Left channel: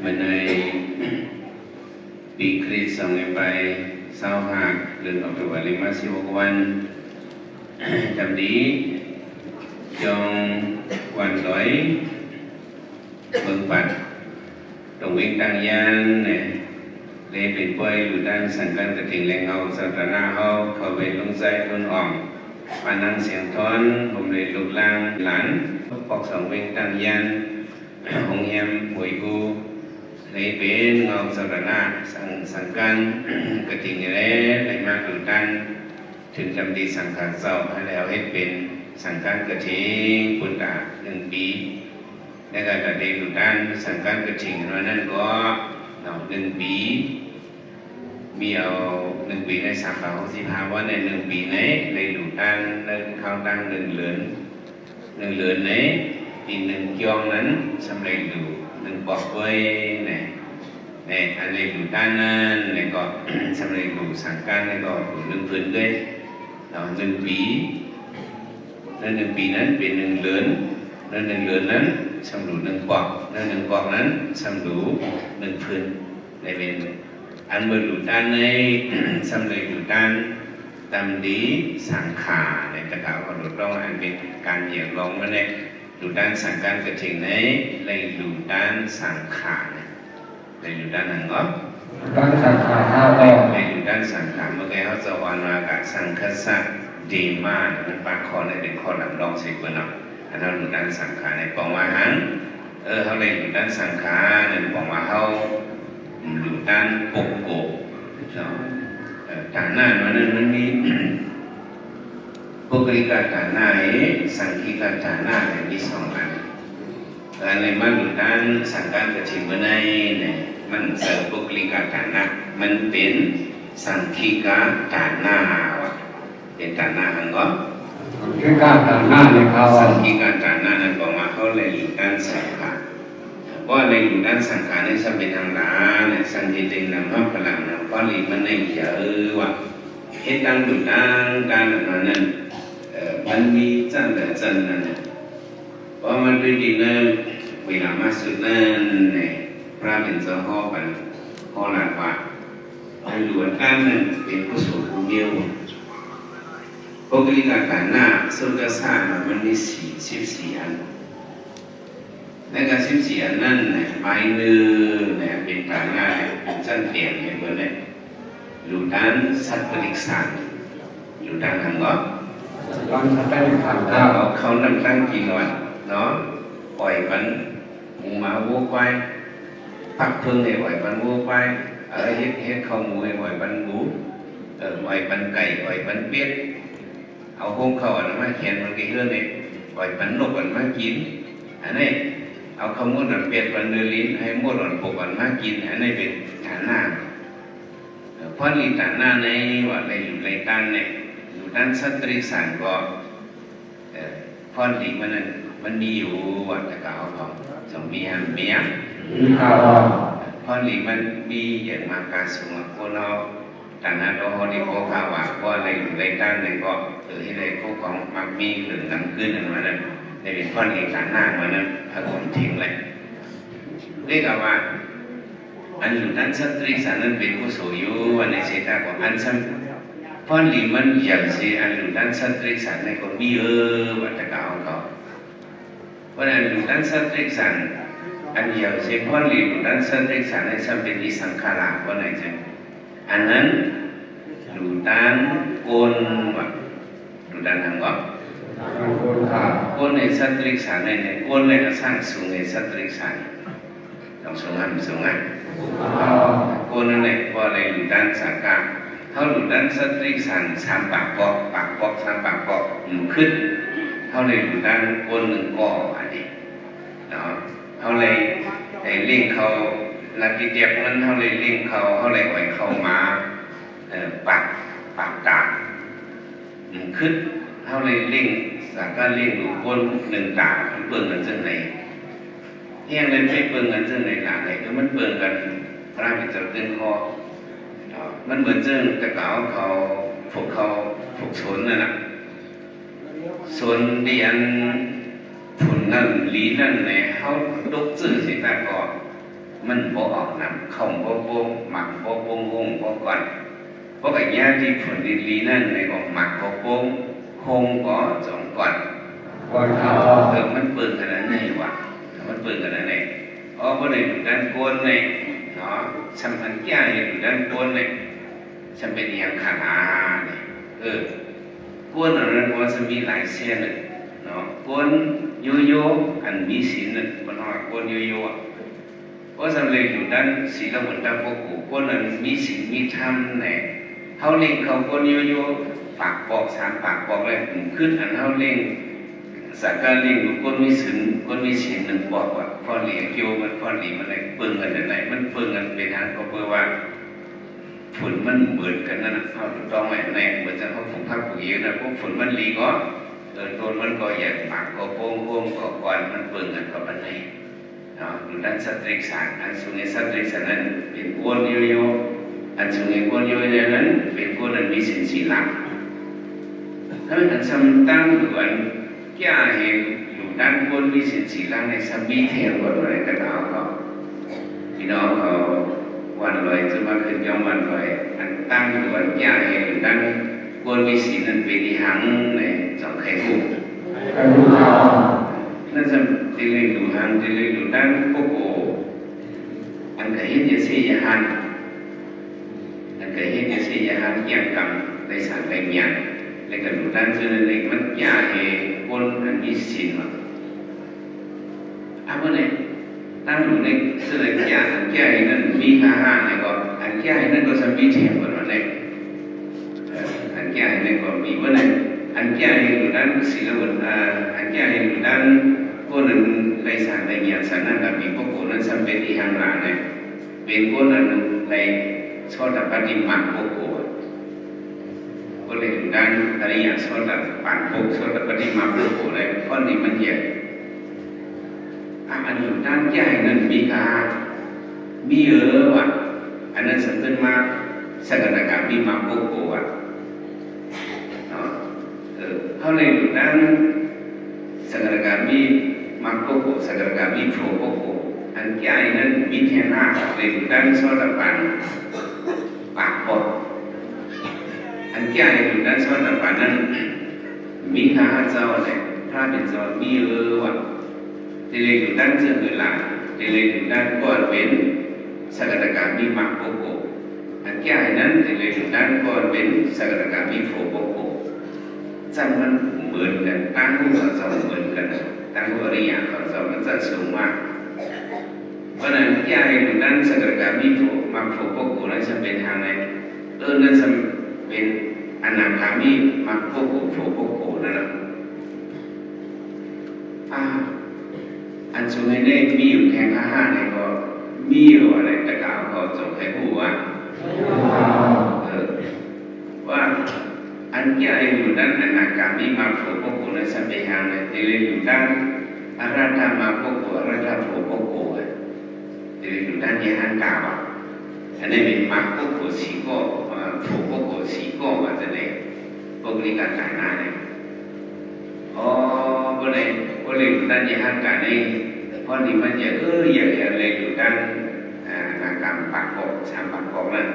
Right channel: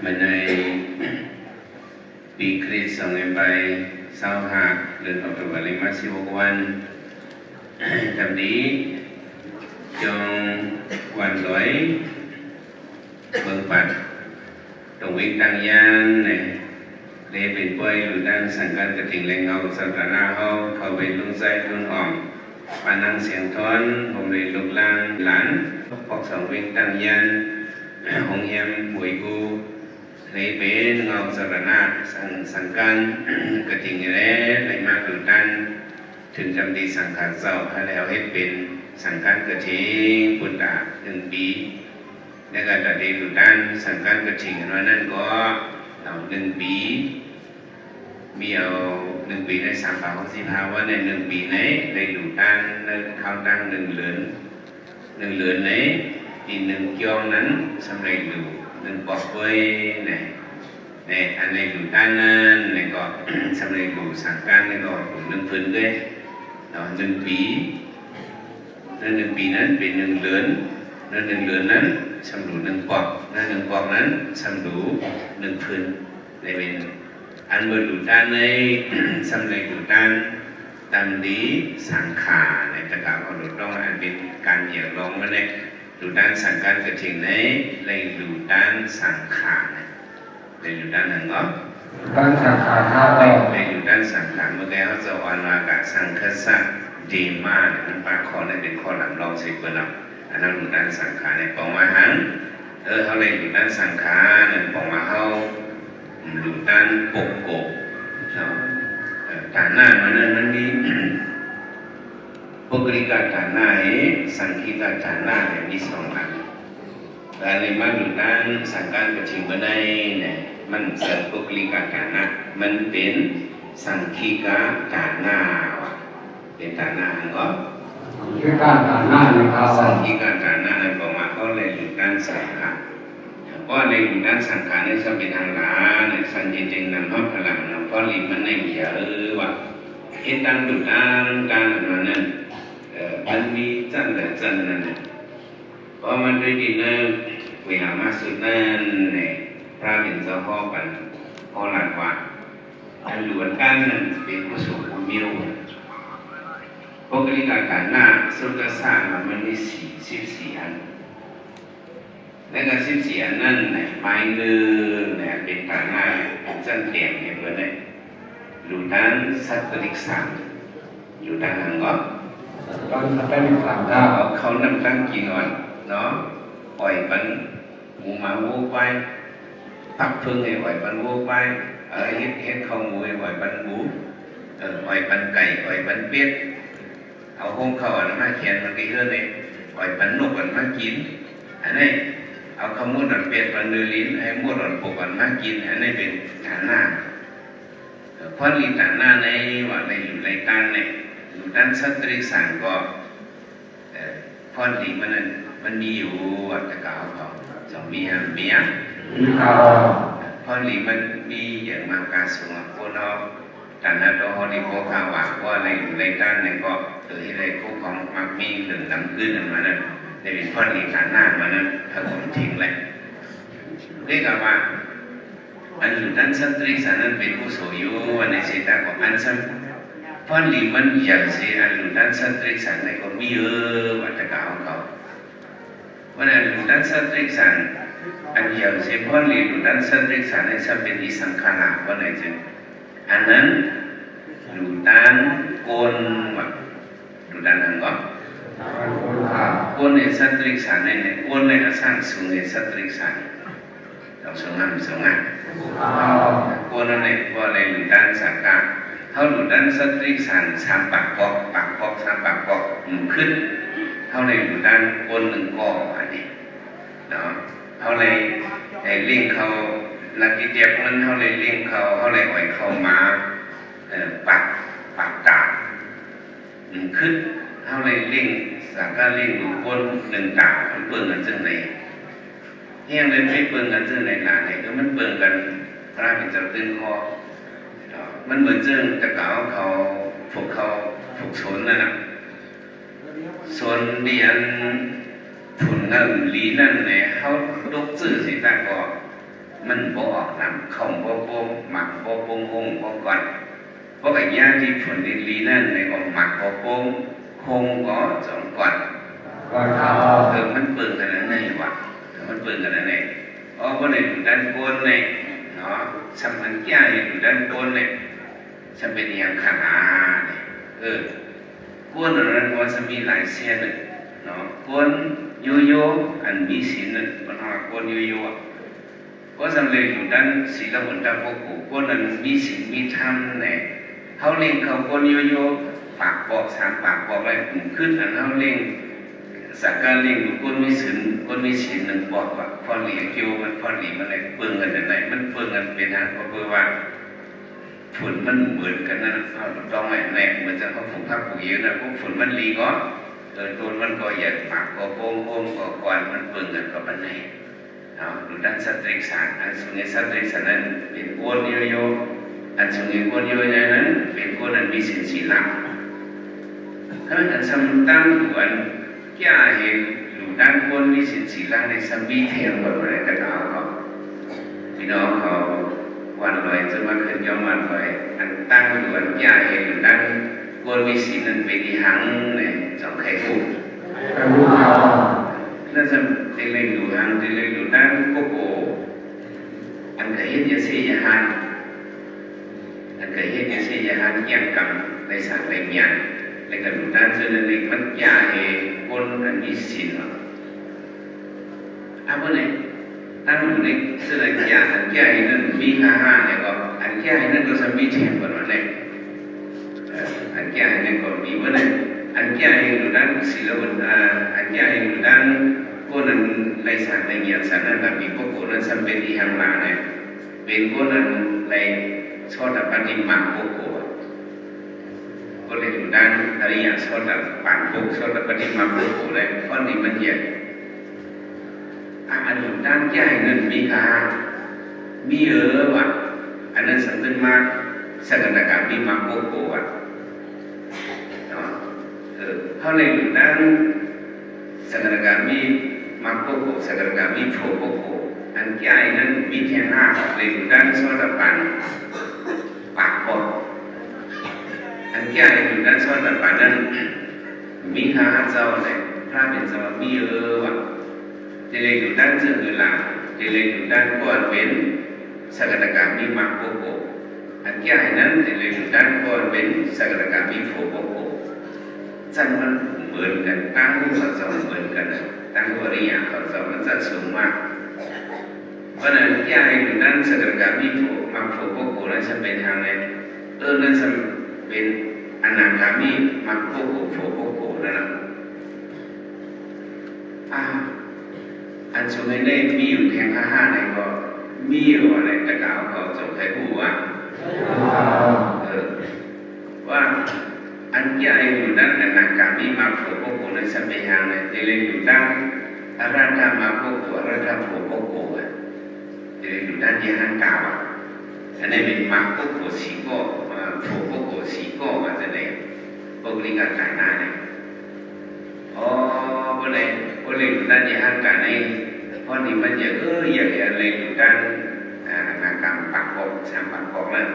เมื่อในปีคริสต์2525เดือนออกตุลาคม16 วันจำนี้จงวันร้อยเมืองปัดตรงวิ่งตั้งยานเนี่ยได้เป็นป่วยหรือด้านสังกัดกระถิ่งแรงเงาสัตนาเฮาเขาเป็นลุงใจลุงอ่อมปานังเสียงท้อนผมเลยลุกลางหลานพอกสองวิ่งตั้งยานหงเฮียมหวยกูเลยเป็นเงาสัตนาสังกัดกระถิ่งแร่เลยมาหรือด้านถึงจำดีสังขารเศร้าแล้วให้เป็นสังกัดกระถิ่งพุทธะ1 ปีและการตัดเดบุด้านสังกัดกระถิ่งนั้นก็1 ปีมีเอา1 ปีใน365วันใน1 ปีไหนในหลุดด้านเข้าตั้ง1 เดือนไหนปี1 ยองนั้นสำเร็จอยู่1 ปอกไว้ในอันในหลุดด้านนั้นในก็สำเร็จอยู่สังกัดในก็1 พื้นด้วย1 ปีใน1 ปีนั้นเป็น1 เดือนใน1 เดือนนั้นสำรู1 ปอกใน1 ปอกนั้นสำรู1 พื้นในเป็นอันบรรลุด้านในสำเร็จอยู่ด้านตามดีสังขารในตะกาของหลุดร้องอันเป็นการเหยียบลงมาในหลุดด้านสังการกระถิ่งในในหลุดด้านสังขารในหลุดด้านนั้นก็ด้านสังขารในหลุดด้านสังขารเมื่อกี้เขาจะวานวากะสังคสักดีมากมันปากคอในเป็นข้อหลังรองสิบเปอร์นับอันนั้นหลุดด้านสังขารในปองว่าหันเขาเลยหลุดด้านสังขารในปองว่าเขาหลุดด้านปกโกฐานหน้ามันมีปุกลิกาฐานหน้าสังคีกาฐานหน้าเนี่ยมี2 อันอะไรมาหลุดด้านสังการกระถิ่นในเนี่ยมันเสริมปุกลิกาฐานหน้ามันเป็นสังคีกาฐานหน้าวะเป็นฐานหน้าอันก็สังคีกาฐานหน้าเนี่ยครับสังคีกาฐานหน้าเนี่ยบอกว่าเขาเลยหลุดด้านสังขารก็ในหลุดด้านสังขารในชอบเป็นทางหนาในสังเกตเองนำเข้าพลังนำก็หลีมันในเยอะว่ะเหตุการณ์หลุดด้านการนั้นมันมีจันแต่จันนั้นเพราะมันเป็นดีนั่นเวลามาสุดนั่นเนี่ยพระเป็นเจ้าพ่อกันพ่อหลานว่าในหลวงกันนั้นเป็นผู้สูงผู้เดียวปกติการหน้าสุดสร้างมันมี14 อันและการ14 อันนั้นเนี่ยไม้เนื้อเนี่ยเป็นการหน้าเป็นจันเตียงเนี่ยเพื่อนเนี่ยอยู่ด้านสัตว์ลิกสังอยู่ด้านนั้นก็เขานั่งตั้งกินก่อนเนาะปล่อยมันหมูมาวัวไปพักเพิ่งให้ปล่อยมันวัวไปเฮ็ดข้าวหมูให้ปล่อยมันหมูปล่อยมันไก่ปล่อยมันเป็ดเอาห้องเขาอันมาเขียนมันกี่เรื่องเนี่ยปล่อยมันนกอันมากินอันนี้เอาข้าวมูนอันเป็ดอันเนื้อลิ้นให้มูนอันปกอันมากินอันนี้เป็นฐานหน้าเพราะลีฐานหน้าในว่าในอยู่ในการเนี่ยอยู่ด้านสัตริสังก็พอดีมันมีอยู่วัดตะกาวเขาจะมีหันเมียพอดีมันมีอย่างมากาสูงคนเราแต่นั้นเราเขาได้ข้อข่าวว่าในอยู่ในด้านในก็หรือในข้อของมักมีหรือน้ำขึ้นอะไรนั้นในเป็นพอดีฐานหน้ามันนั้นถ้าผมทิ้งเลยเรียกว่าอันอยู่ด้านสัตริสังนั้นเป็นผู้สูงอายุอันในเสตากว่าอันซ้ำพอดีมันอย่างเสียอันอยู่ด้านสัตริสังในคนมีวัดตะกาวเขาวันนั้นอยู่ด้านสัตริสังอันอย่างเสียพอดีอยู่ด้านสัตริสังในซ้ำเป็นอิสังขารวันไหนจึงอันนั้นอยู่ด้านโกนวัดอยู่ด้านนั้นก็โกนในสัตริสังในโกนในกระสังสูงในสัตริสังต้องสูงงานโกนนั่นแหละว่าอะไรอยู่ด้านสังกัดเขาหลุดด้านสัตริสัง3 ปากปอก3 ปากปอกอยู่ขึ้นเขาเลยอยู่ด้านก้น1 ก้ออันนี้เนาะเขาเลยเล่งเขานักกิจเจ็บนั้นเขาเลยเล่งเขาเลยอ่อยเขามาปากตาขึ้นเขาเลยเล่งสังกัดเล่งอยู่ก้น1 ตาเปิ่งกันจังไหนเที่ยงเลยไม่เปิ่งกันจังไหนหนาไหนก็มันเปิ่งกันพระเป็นจับตึงคอมันเหมือนเจ้าตะกาวเขาฝึกสนนั่นแหละสนเรียนผลนั่นลีนั่นเนี่ยเขาลุกซื่อสิตาก็ มันบ่ออกน้ำเข้าบ่โป่งหมักบ่โป่งหงบ่ก่อนเพราะไอ้ย่างที่ผลดีๆนั่นในก็หมักบ่โป่งหงก็จงก่อนมันเปิดกันนั่นไงวะมันเปิดกันนั่นไงเพราะในด้านก้นเนี่ยเนาะสัมพันธ์ย่างอยู่ด้านก้นเนี่ยฉันเป็นอย่างขนาเนี่ยก้นนั้นว่าจะมีหลายเส้นเนาะก้นโยโย่อันมีศีลนั่นมันว่าก้นโยโย่เพราะฉะนั้นเลยอยู่ด้านศีลบนด้านพวกกูก้นนั้นมีศีลมีธรรมเนี่ยเขาเล่งเขาก้นโยโย่ปากบอกสามปากบอกอะไรผมขึ้นอันเขาเล่งสักการเล่งก้นมีศีลก้นมีศีลหนึ่งบอกว่าฟอนเหลี่ยเกี่ยวมันฟอนเหลี่ยมันอะไรเปิงกันอะไรมันเปิงกันเป็นทางก็เพื่อว่าฝนมันเหมือนกันนั่นเขาต้องอะไรเหมือนจะเขาผูกพักผูกเยอะนะพวกฝนมันรีก็ตัวมันก็อยากปากก็โป่งก็ก่อนมันเปิงกันก็มันไหนดูด้านสัตริกษาอันสุเงสัตริกษานั้นเป็นก้นโยโย่อันสุเงก้นโยโย่นั้นเป็นก้นนั้นมีสินสีหลังถ้ามันซ้ำตั้งอยู่อันแก่เห็นอยู่ด้านก้นมีสินสีหลังในซ้ำมีเทียมกับอะไรก็เอาก็พี่น้องเขาวันลอยจะมาขึ้นย้อมวันลอยอันตั้งอยู่อันแก่เห็นอยู่ด้านก้นมีสินนั้นเป็นที่หังเนี่ยจองไข่กุ้งนั่นจะตีเลยอยู่ทางตีเลยอยู่ด้านโกโก้อันเคยเห็นยาเสียหันอันเคยเห็นยาเสียหันยังกำในสารในเมียนในกันอยู่ด้านเจริญในมันยาเหคนอันนี้สินเอาไปไหนตั้งอยู่ในเสื้อยาอันยาเหนั้นมีค่าห้าเนี่ยก็อันยาเหนั้นก็จะมีเทียมกันวันไหนอันยาเหนั้นก็มีวันไหนอันยาเหอยู่ด้านศิลปะอันยาเหอยู่ด้านก้นนั้นในสารในเมียนสารนั้นแบบมีพวกก้นนั้นสัมเป็นที่หังหลาเนี่ยเป็นก้นนั้นในชอบแต่ปฏิมาพวกก้นก็เลยอยู่ด้านอะไรอย่างชอบแต่ปั่นพวกชอบแต่ปฏิมาพวกก้นอะไรข้อนี้มันเยอะอันอยู่ด้านใหญ่นั้นมีการมีว่ะอันนั้นสำคัญมากสถานการณ์มีมาพวกก้นว่ะเขาเลยอยู่ด้านสถานการณ์มีมาโกโกสถานการณ์มีโผล่โกโกอันใหญ่นั้นมีแค่ห้าเลยอยู่ด้านโซดาปันปากบดอันใหญ่อยู่ด้านโซดาปันนั้นมีข้าเจ้าเลยพระเป็นเจ้ามีว่ะที่เลยอยู่ด้านเจือหลังที่เลยอยู่ด้านก้อนเป็นสถานการณ์มีมาโกโกอันใหญ่นั้นที่เลยอยู่ด้านก้อนเป็นสถานการณ์มีโผล่โกโกจังมันเหมือนกันตั้งรูปของเราเหมือนกันตั้งอริยของเรามันจะสูงมากเพราะนั้นยาในด้านสถานการณ์มีโผล่มาโผล่พวกกูนั้นจะเป็นทางไหนนั่นจะเป็นอนาคามีมาพวกกูโผล่พวกกูนั่นแหละอันสูงในนี้มีอยู่แค่ข้าห้าในก็มีอยู่อะไรตะกาวก็จบแค่ผู้ว่าว่าอันที่อยู่ด้านอนาคามีมาโผล่พวกกูนั้นจะเป็นทางไหนที่อยู่ด้านอาราธามาพวกกูอาราธาโผล่พวกกูที่อยู่ด้านยานกาวอันนี้เป็นมาพวกกูสีก็โผล่พวกกูสีก็ว่าจะไหนพวกนี้กันฐานะเนี่ยก็เลยอยู่ด้านยานกาในเพราะนี่มันจะอย่างเลยอยู่ด้านอนาคามปากบอกสามปากบอกนั่น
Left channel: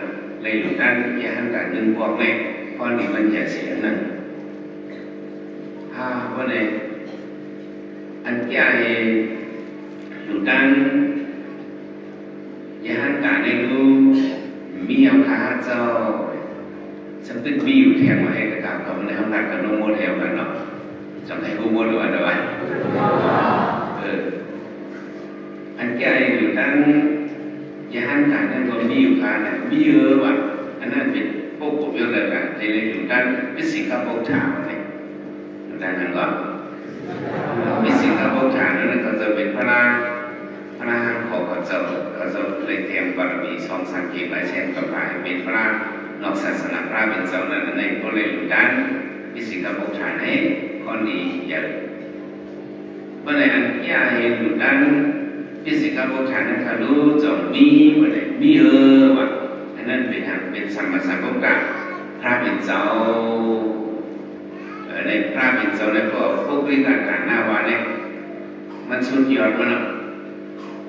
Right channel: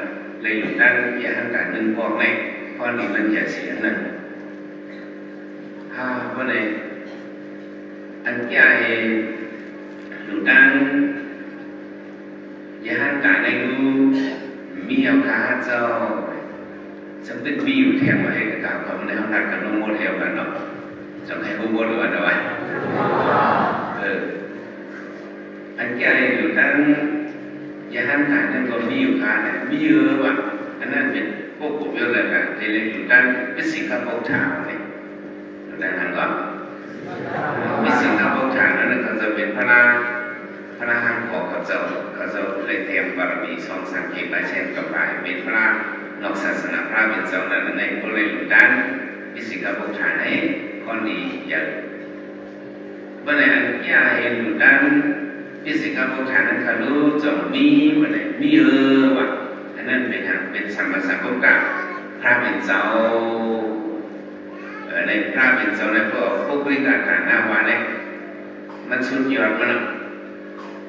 เลยอยู่ด้านยานกาหนึ่งบอกเลยเพราะนี่มันจะเสียนั่นเพราะเลยอันที่อยู่ด้านยานกาในรู้มีเอาขาเจ้าฉันเป็นมีอยู่แถวมาให้กับเขาในห้องนักกันน้องโมแถวกันเนาะจำให้ผู้โมดูอันเดียวอันที่อยู่ด้านยานกาในตัวมีอยู่ขาเนี่ยมีเยอะว่ะอันนั้นเป็นพวกผมเยอะเลยกันในอยู่ด้านเป็นสิ่งที่พวกชาวเนี่ยอยู่ด้านนั้นก็เป็นสิ่งที่พวกชาวนั้นเขาจะเป็นพระของเขาจะเลยเตรียมบารมีสองสามเกียรติเช่นกับไปเป็นพระนอกศาสนาพระเป็นเจ้านั้นในก็เลยอยู่ด้านเป็นสิ่งที่พวกชาวให้ข้อนี้เยอะเมื่อไหร่อันที่เห็นอยู่ด้านเป็นสิ่งที่พวกชาวนั้นเขารู้จะมีเมื่อไหร่มีว่ะอันนั้นเป็นสัมมาสัมพุทธะพระเป็นเจ้าในพระเป็นเจ้าในพวกวิการหน้าวาเนี่ยมันสุดยอดมาก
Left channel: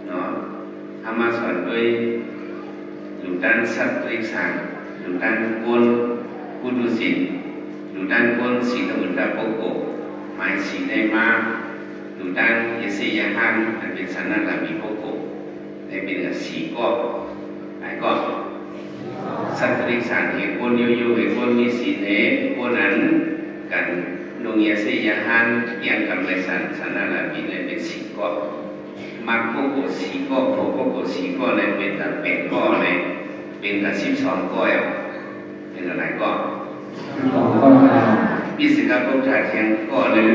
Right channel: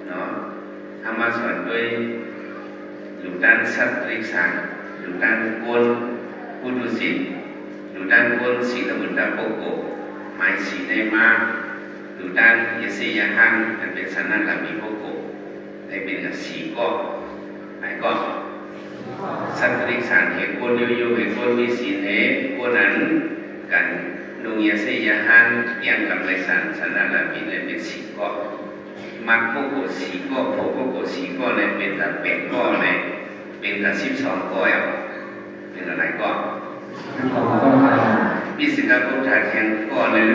เนาะ รรมะสอนด้วยหลุดด้านสัตว์ริสานหลุดด้านกวนพุทธศิลป์หลุดด้านกวนศีลบุตรโปโกหมายศีลในมาหลุดด้านยศยาหันมันเป็นสันนัตมีโปโกได้เป็นกับสีก็หมายก็สัตว์ริสานเหตุกวนอยู่เหตุกวนมีศีลเหตุกวนนั้นกันนุงยศยาหันยังกำไรสันนัตมีเลยเป็นสีก็มักโปโกสีก็โปโกสีก็เลยเป็นแต่เป็ดก็เลยเป็นแต่12ก็เป็นอะไรก็พิสิกาพุทธาเทียนก็หนึ่ง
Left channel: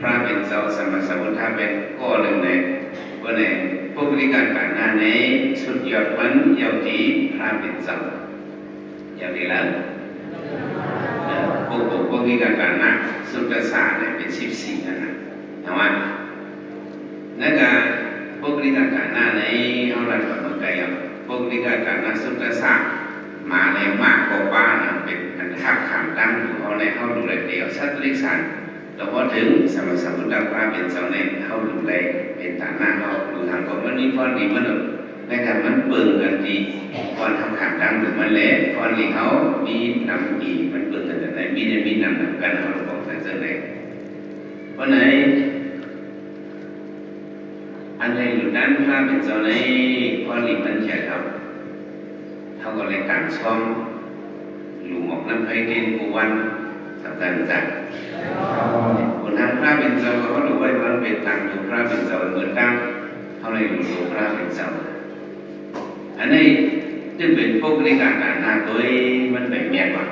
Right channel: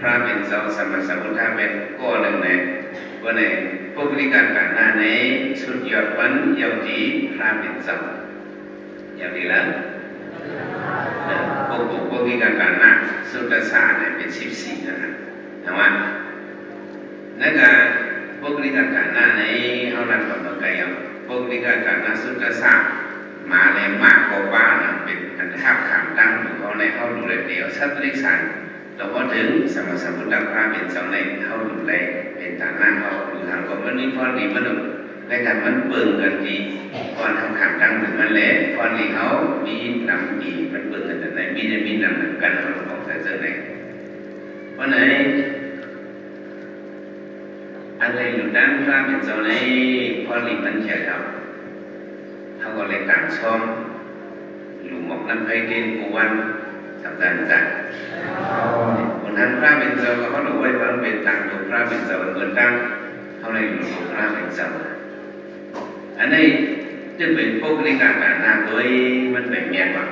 พระเป็นเจ้าสมมาสัมพุทธาเป็นก็หนึ่งเลยวันนี้พวกนิการการหน้าในสุดยอดวันยาวดีพระเป็นเจ้าอย่างนี้ละพวกนิการการหน้าสุดศาสตร์เนี่ยเป็น14นะแต่ว่านั่นก็พวกนิการการหน้าในเขาหลังกับเมืองไกลพวกนิการการหน้าสุดศาสตร์มาในมากกว่าบ้านเป็นอันทับขามตั้งอยู่เขาในเขาดูแลเดียวสัตว์เล็กสันแต่พอถึงสมสมุทรพระเป็นเจ้าในเขาดูแลเป็นต่างหน้าเขาดูทางก่อนมันนี่ฟอนดีมันในการมันเบิ่งกันดีฟอนทำขามตั้งถึงมันเละฟอนดีเขามีนำดีมันเบิ่งกันแต่ไหนมีนำกันเขาบอกแต่เจอไหนเพราะไหนอะไรอยู่ด้านพระเป็นเจ้าในฟอนดีมันเขียนครับเขาก็เลยต่างช่องหลุมออกนั้นไปเกณฑ์กุวันสัปดาห์จัดคนนั้นพระเป็นเจ้าเขาดูไว้ว่าเป็นต่างอยู่พระเป็นเจ้าเหมือนตั้งเขาเลยอยู่ตัวพระเป็นเจ้าอันนี้จะเป็นพวกในการต่างหน้าโดยมันเป็นเมียแบบ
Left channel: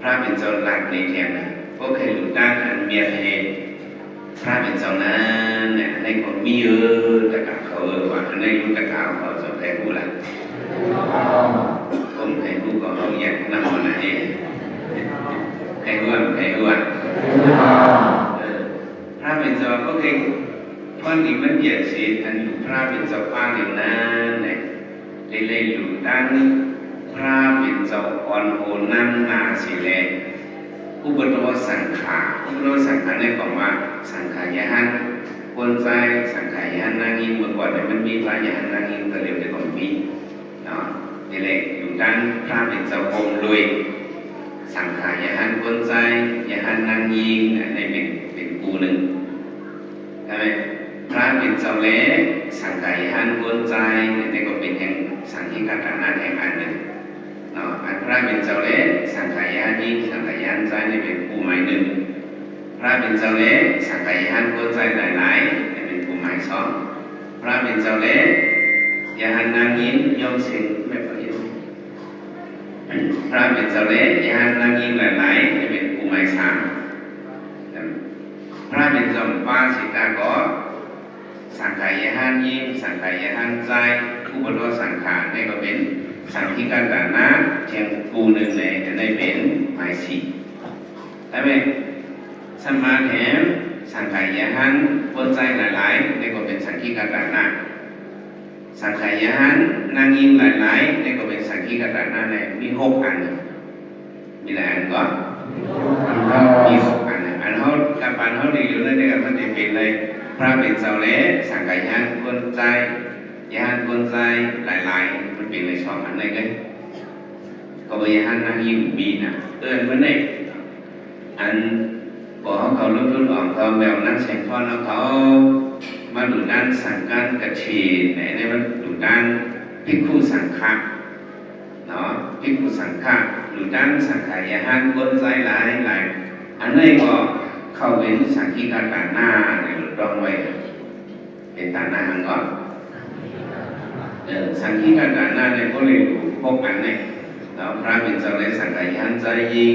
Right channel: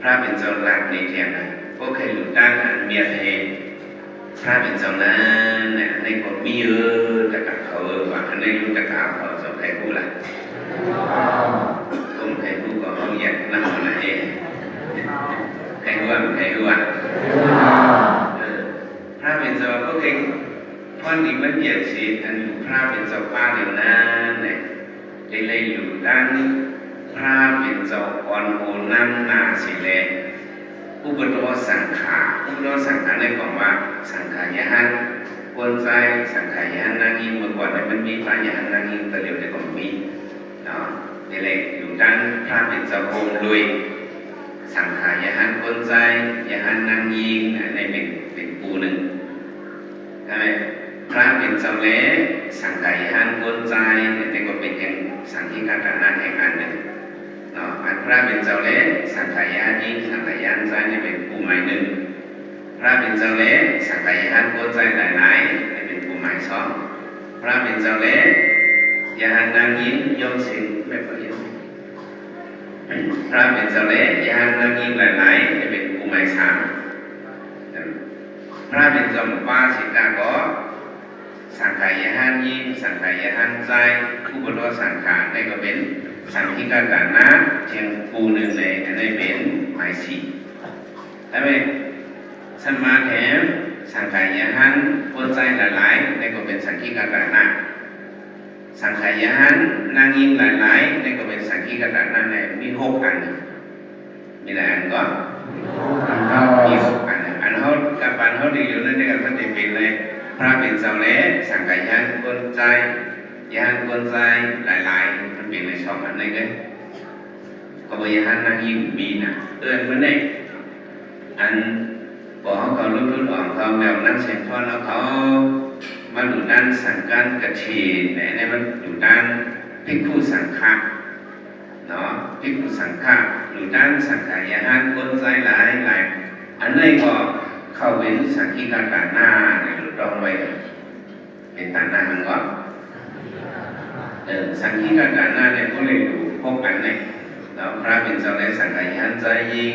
พระเป็นเจ้าหลักในแถบนั้นพวกใครหลุดด้านอันเมียเทพระเป็นเจ้านั้นเนี่ยในคนมีตะกาเขาว่าอันนี้รู้ตะกาเขาสอบใครพูดละคนใครพูดก็เขาอยากนั่งอะไรเองใครรู้พระเป็นเจ้าก็เองพอดีมันเปลี่ยนสีอันอยู่พระเป็นเจ้าป้าเดียวนั้นเนี่ยเลยอยู่ด้านพระเป็นเจ้าอ่อนโอนน้ำนาสีแดงอุปโตสังขาในของว่าสังขายหันคนใจสังขายหันนางยิงเมื่อก่อนเนี่ยมันมีพระยหันนางยิงแต่เดี๋ยวแต่ก่อนมีนี่แหละอยู่ด้านพระเป็นเจ้าองค์ด้วยสังขายหันคนใจยหันนางยิงในเป็นกูหนึ่งใช่ไหมพระเป็นเจ้าเล่สังขายหันคนใจนี่ก็เป็นอย่างสังฆิกาตนาแห่งอันหนึ่งอันพระเป็นเจ้าเล่สังขายหันยิงสังขายหันใจนี่เป็นกูหมายหนึ่งพระเป็นเจ้าเล่สังขายหันคนใจหลายๆนี่เป็นกูหมายสองพระเป็นเจ้าเล่ยหันนางยิงยมสิงแบบนี้พระเป็นเจ้าเล่ยหันนางยิงหลายๆนี่เป็นกูหมายสามพระเป็นเจ้าป้าสิกาก็สังขายหันยิงสังขายหันใจผู้บรรลุสังขารนี่ก็เป็นสังฆิกาตนะเทียงกูหนึ่งในเป็นหมายสี่ใช่ไหมสมาแถมสังขายหันคนใจหลายๆนี่ก็เป็นสังฆิกาตนะสังขายหันนางยิงหลายๆนี่ก็เป็นสังฆิกาตนะในมี6 อันมีหลายอันก็มี6 อันอันเขากับอันเขาดีอยู่นั่นเองมันจะเป็นเลยพระเป็นเจ้าเล่สังขายหันคนใจยันคนใจหลายๆมันเป็นเลย2 อันนี้กันก็ไปยันนางยิงมีนะเมื่อไหร่อันบอกเขารุ่นอ่อนเขาแบบนั่งเสียงทอนแล้วเขามาดูด้านสังกัดกระเทียนในมันดูด้านภิกขุสังฆะเนาะภิกขุสังฆะดูด้านสังขายหันคนใจหลายอันนี้ก็เข้าเป็นสังฆิกาตนาเนี่ยรองไว้เป็นตานามันก่อนสังฆิกาตนาเนี่ยก็เลยดู6 อันเนี่ยแล้วพระเป็นเจ้าได้สังขายหันใจยิง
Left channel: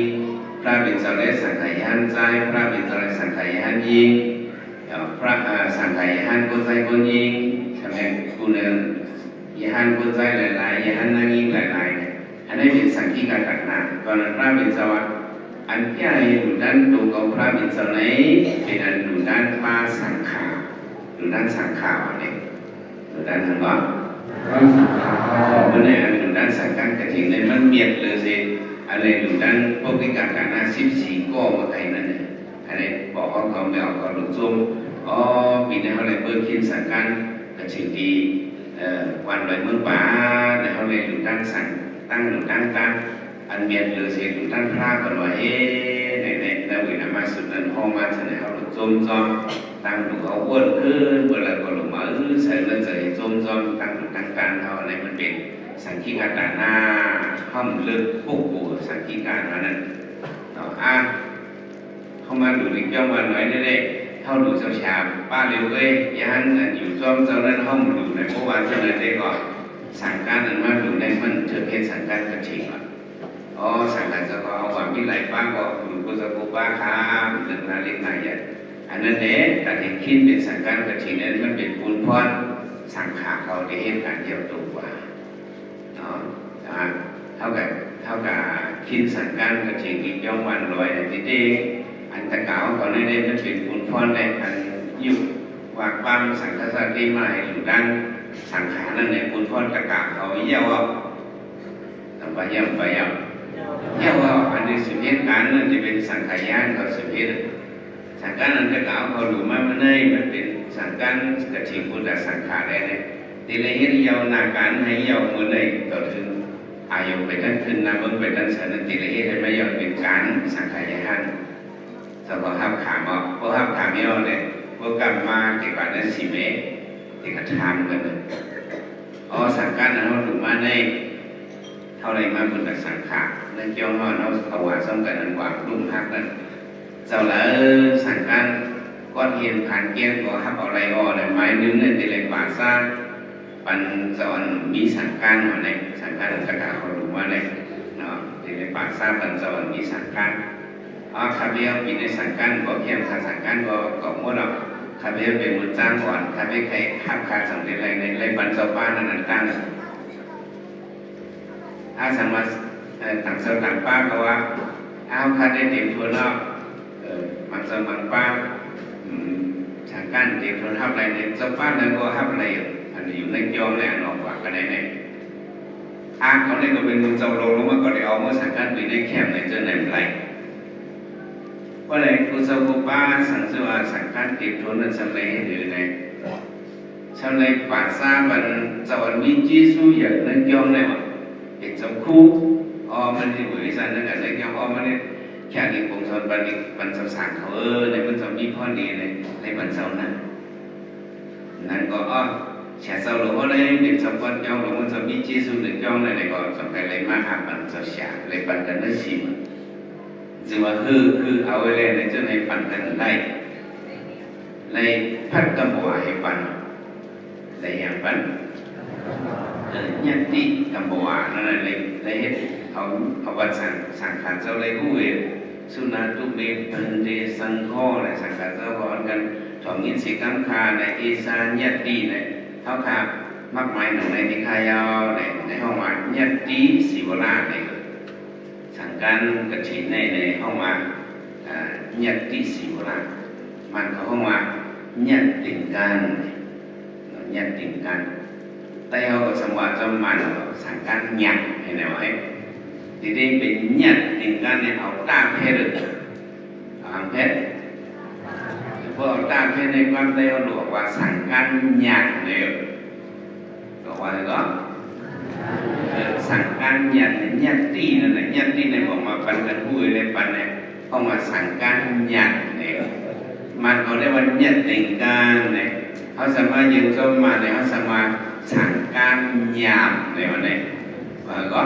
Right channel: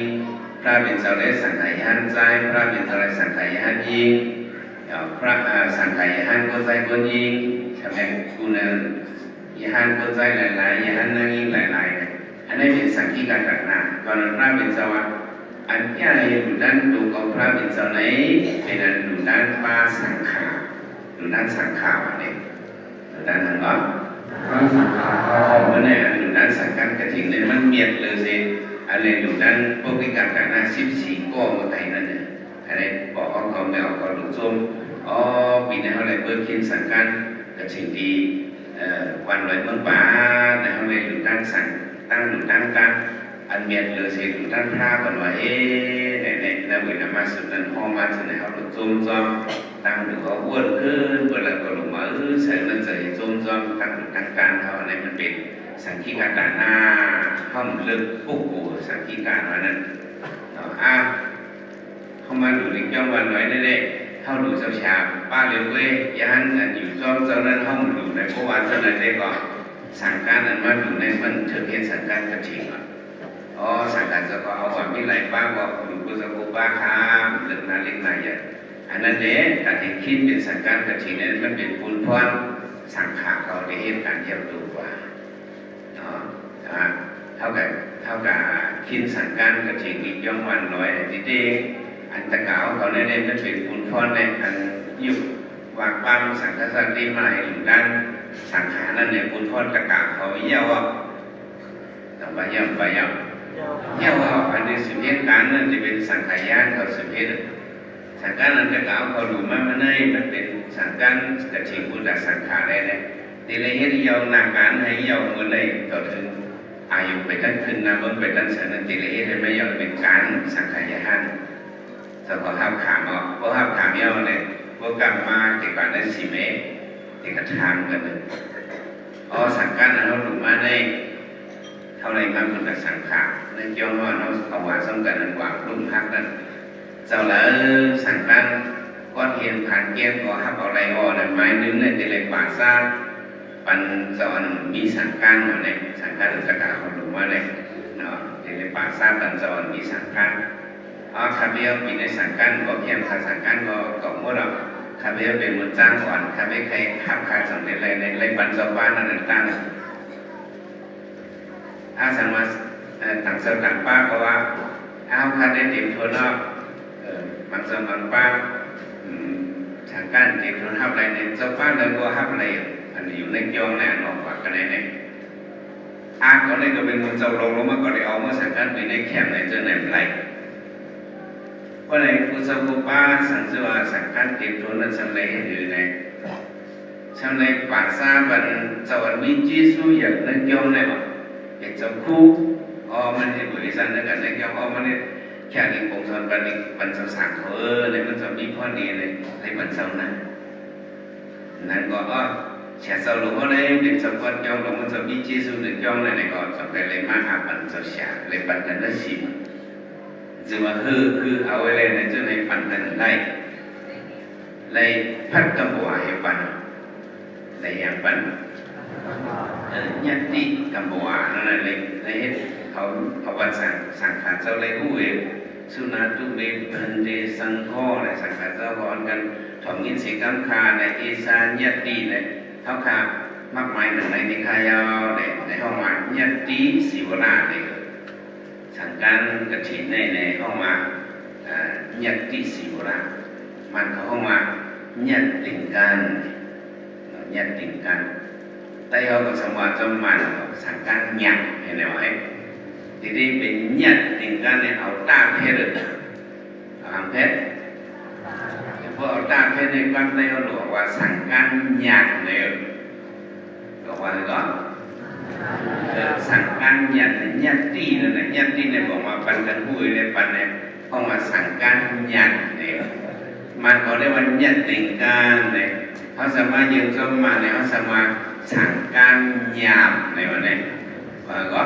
พระเป็นเจ้าได้สังขายหันใจพระเป็นเจ้าได้สังขายหันยิงพระสังขายหันคนใจคนยิงใช่ไหมคุณยหันคนใจหลายๆยหันนางยิงหลายๆอันนี้เป็นสังฆิกาตนาตอนนั้นพระเป็นเจ้าอันใหญ่ดูด้านตัวของพระเป็นเจ้าไหนเป็นอันดูด้านป้าสังขาดูด้านสังขาเนี่ยดูด้านทางว่าเมื่อไหร่อันดูด้านสังกัดกระถิ่นในมันเมียดเลยสิอะไรดูด้านพวกนิการการนา14 ก็มาไทยนั่นเนี่ยอันนี้บอกเขาไม่ออกก็หลุดซุ่มปีนี้เขาเลยเปิดคิดสังกัดกระถิ่นดี วันลอยเมืองป่าในเขาเลยอยู่ตั้งสั่งตั้งอยู่ตั้งกันอันเมียนเรือเสียอยู่ตั้งพระก่อนว่าในนาวินามาสุดนั้นพ่อมาจากไหนเขาจมจอมตั้งอยู่เขาอ้วนขึ้นเวลาก็ลงมาใส่เรื่องใส่จมจอมตั้งอยู่ตั้งการเขาในมันเป็นสังคีการด่านหน้าห้องเลือกปุ๊บปูสังคีการวันนั้นเข้ามาดูในจ้องวันไว้ได้เลยเข้าดูเช้าชาป้าเร็วเว้ยยันอยู่จอมเจ้านั้นห้องดูในเมื่อวานเจ้านั้นได้ก่อนสั่งการนั้นมาดูในมันเจอเพศสั่งการกระถิ่นสั่งการจะก็เอาความพิไลป้าก็ดูกุศลป้าค้าเรื่องนั้นเล็กน้อยอย่างอันนั้นเด็กแต่ที่คิดเป็นสั่งการกระถิ่นนั้นมันเป็นปูนพรสั่งขาเขาได้เหตุการณ์เยี่ยมตัวกว่าเนาะเท่ากับคิดสั่งการกระถิ่นอีกย่อมวันลอยที่เด็กอันตะเก่าเขาได้มันเป็นปูนพรในอันยุบวางปั้มสั่งกษัตริย์ได้มาอยู่ด้านสังขารนั่นเนี่ยปูนพรตะเก่าเขาเยี่ยว่าแต่ว่าเยี่ยมไปเยี่ยว่าอันนี้สุเหตุการณ์นั่นจะเป็นสังขารเขาสุเหตุสังขารนั้นตะเก่าเขาดูมามันเลยมันเป็นสังขารกระถิ่นพุทธสังขารได้เลยทีละเหตุเยี่ยวนาการให้เยี่ยวมือเลยต่อถึงอายุไปตั้งขึ้นนำมันไปตั้งเสนทีละเหตุให้ไม่เยี่ยวเป็นการสังขารสำหรับห้ามขามเพราะห้ามขามเยี่ยวเลยพวกกรรมมาเกี่ยวกับนั้น4 เมตรที่กระทางกันสังกัดนั้นเราหลุดมาได้เท่าไรมาเป็นแต่สังขารในเกี่ยวกับเราเอาว่าสำคัญกว่าลุ่มพักนั้นเจ้าละสังกัดก้อนเห็นผ่านเกี่ยวกับฮับเอาไรแต่ไม้นึงในตีเลยป่าซ่าปันสอนมีสังกัดในสังกัดสังกัดเขาหลุดมาได้เนาะตีเลยป่าซ่าปันสอนมีสังกัดคาเบียมีในสังกัดก็เพียงขาสังกัดก็มั่วหรอกคาเบียเป็นมือจ้างก่อนคาเบียใครข้ามขาดสำเร็จในไรบันเจ้าบ้านนั้นตั้งสามารถต่างเสต่างป้าก็ว่าคาได้เต็มทัวร์นอกมันสมัครป้าสังกัดเต็มทัวร์ทับอะไรในเจ้าบ้านนั้นก็ทับอะไรอันนี้อยู่ในจองในอันออกว่ากันในเขาได้ก็เป็นมือเจ้าลงมาก็ได้เอาเมื่อสังกัดไปได้แคมในเจอในไรเพราะอะไรกุศลป้าสังเสวาสังกัดเก็บทุนนั้นสำเร็จหรือไงสำเร็จป่าซาบันเจ้าวันมีจีซูอย่างนั้นย่อมเลยว่าเป็นจำคู่มันที่บริษัทนั้นกันในย่อมมันเนี่ยแค่นี้ผมสอนบันนี้บันสสั่งเขาในมันจะมีข้อดีในบันเสานั้นนั่นก็แฉเสาหลวงว่าได้เป็นจำกัดย่อมหลวงมันจะมีจีซูหนึ่งย่อมในก็สำเร็จเลยมากหาบันเสาเสียเลยบันกันได้ชิมจึงว่าคือเอาไว้เลยในเจ้าในปันกันได้ในพัดกำบัวให้ปันในอย่างปันยันติกำบัวนั่นแหละในเหตุเขาบันสังขารเจ้าเลยผู้เองสุนันทุเบปันเดสังโฆในสังขารเจ้าพร้อมกันถมยินสีกัมคาในเอสานยัตติในเท่าคามากมายหนึ่งในนิคายในห้องว่ายัตติสิวราในสังการกระถิ่นในห้องว่ายัตติสิวรามันเขาห้องว่ายัตติกันยัตติกันแต่เขาก็สมว่าจะมันสังการยัตเห็นไหมวะทีนี้เป็นยัตติกันเนี่ยเอาตาเพชรเอาหางเพชรเพราะเอาตาเพชรในความเดียวหลวงว่าสังการยัตเนี่ยบอกว่าอะไรก็สังการยัตตินั่นแหละยัตติในบอกว่าปันกันผู้ในปันเนี่ยเขาว่าสังการยัตเนี่ยมันเขาได้ว่ายัตติการเนี่ยเขาสามารถยืนต้นมาเนี่ยเขาสามารถสังการยามในวันนี้ก็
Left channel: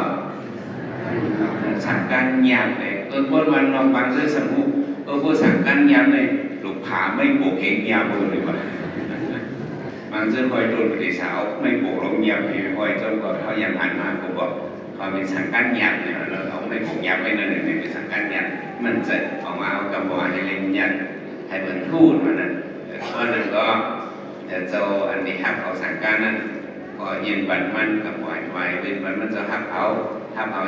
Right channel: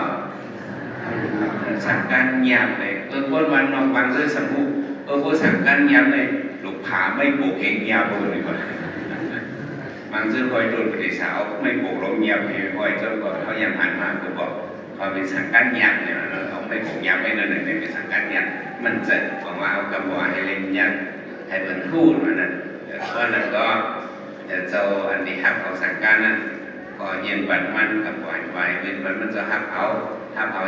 สังการยามเนี่ยพวกมันนอกบางเรื่องสมมุติพวกสังการยามเนี่ยหลุดผาไม่ปลูกเองยามเลยว่าบางเรื่องคอยโดนปฏิสาวไม่ปลูกลงยามคอยจนกว่าเขายังหันมาผมบอกความเป็นสังการยามเนี่ยเราเอาไม่ปลูกยามไม่นั่นหนึ่งเป็นสังการยามมันจะออกมาเอากำบัวให้เล่นยันให้เหมือนทูดมันนั่นเพราะนั้นก็เจ้าอันนี้ฮับเอาสังการนั้นก็เย็นบันมันกับหวานไว้เป็นบันมันจะฮับเอา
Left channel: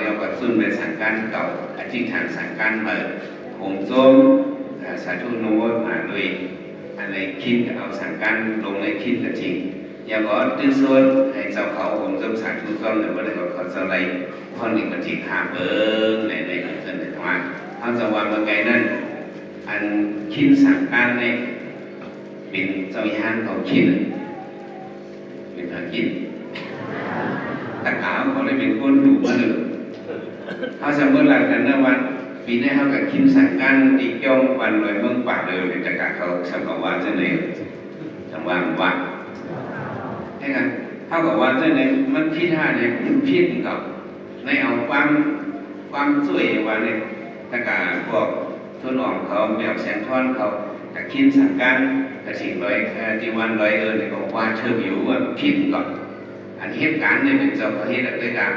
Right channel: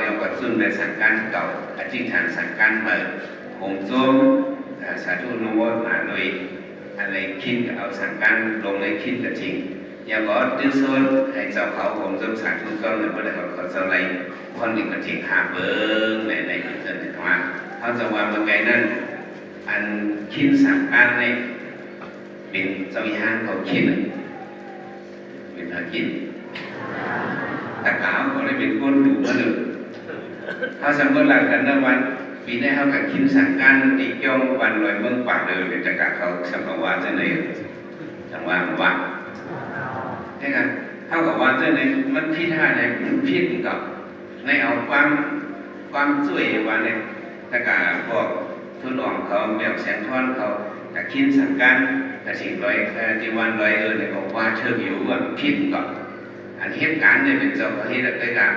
อย่างก็ซึ่งเป็นสังการเก่าอธิษฐานสังการเปิดผมส้มสาธุโนมาโดยอะไรคิดเอาสังการลงในคิดจริงอย่างก็ตื้อซ้นให้เจ้าเขาผมส้มสาธุส้มหรือว่าอะไรก็เจ้าไรคนหนึ่งก็ทิ้งหาเบิ้งในเรื่องในว่าเขาจะว่าเมื่อไงนั้นอันคิดสังการในเป็นเจ้าย่างเขาคิดเป็น มากินตะกาวเขาได้เป็นคนดูมาหนึ่งเขาสมมติหลักกันนะวันปีนี้เขากับคิมสั่งการอีกย่องวันลอยเมืองป่าเดินตะกาเขาสังกัดว่าเจ้าไหนสังวานวัดใช่ไหมเท่ากับว่าเจ้าไหนมันพิธาเนี่ยมันพิษกับในเอาความช่วยว่าเนี่ยตะกาพวกทุนออกเขาแบบแสงทอนเขาแต่คิมสั่งการกระถิ่นลอยจีวันลอยเนี่ยบอกว่าเชิงอยู่ว่าพิษกับอันเหตุการณ์เนี่ยเป็นเจ้าประเทศด้วยกัน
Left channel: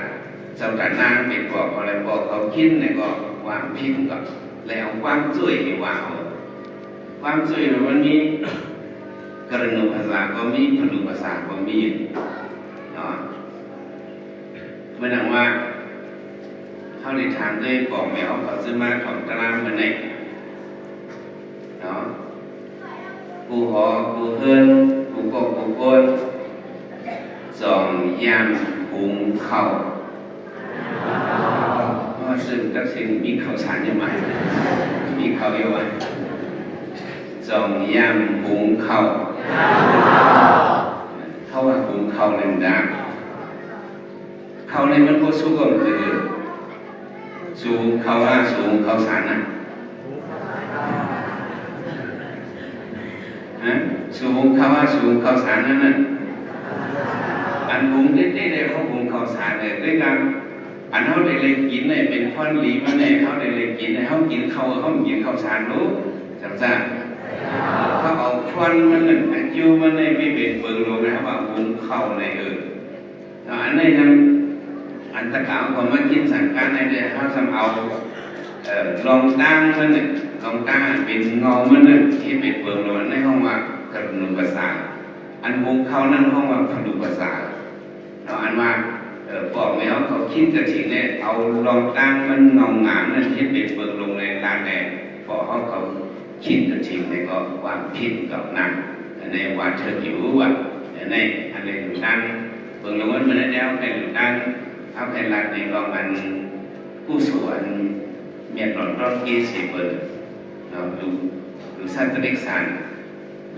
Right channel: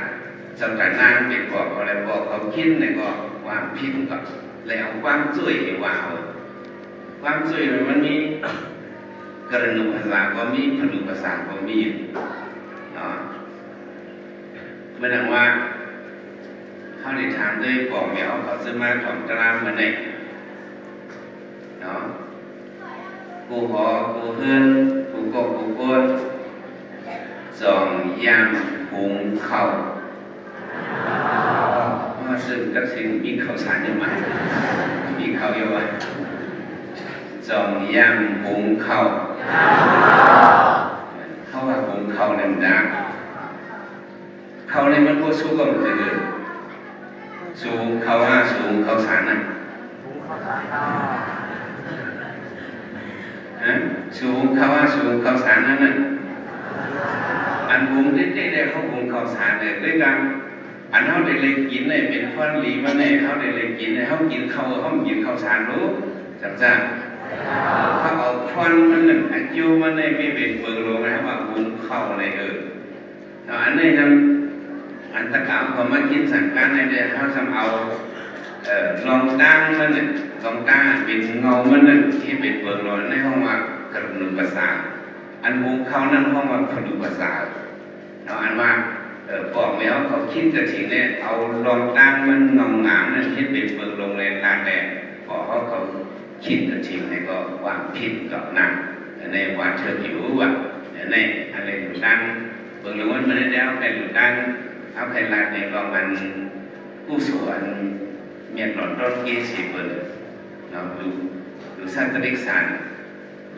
เจ้าแต่นางเป็นบอกอะไรบอกเขาคิดเนี่ยก็วางพิษกับแล้วความช่วยว่าเอาความช่วยมันมีกรณีภาษาก็มีผลิตภาษาก็มีเนาะเมื่อนังว่าเขาได้ถามด้วยบอกแมวเขาซื้อมาของตลาดเมื่อไหร่เนาะกูหอกูเฮือนกูโกกูโกนสองยามหุงข้าวซึ่งตัดสินมีข้าวสารเยอะมากมีข้าวเยอะมากสองยามหุงข้าวเขาว่าหุงข้าวเนี่ยมันดังข้าวในมันก็สู้กับมันเลยสูงข้าวว่าสูงข้าวสารนะสูงข้าวว่าสูงข้าวสารนั่นน่ะอันหุงได้เขาหุงข้าวสารเลยด้วยกันอันเขาได้เลยกินเนี่ยเป็นข้อนหลีมาเนี่ยเขาได้เลยกินเนี่ยเขากินข้าวเขากินข้าวสารรู้จำจ้าเขาเอาข้อนมันเนี่ยอายุมันเนี่ยไม่เป็นเปลือกรู้นะว่าหุงข้าวในอันนี้ทำอันตะกาวผมมากินสั่งการในเดือนเขาทำเอาลองตั้งมันเนี่ยลองตั้งเป็นเงามันเนี่ยที่เป็นเปลือกรู้ในห้องว่ากระดูกประสาทอันหุงข้าวนั่นห้องว่ากระดูกประสาทเราอันว่าบอกแมวเขาคิดกระถิ่นเนี่ยเอาลองตั้งมันเงาหงามนั่นที่เป็นเปลือกลงในตาแดงพอเขาคิดกระถิ่นเนี่ยก็วางพิษกับนางในว่าเธอหิวว่ะในอะไรหลุดตั้งเปลือกลงมันได้แล้วใครหลุดตั้งเอาใครลากในกองมันผู้สวนเมียนหลอดร้อนเกสีเปิดเราดูสัตว์เด็กสาร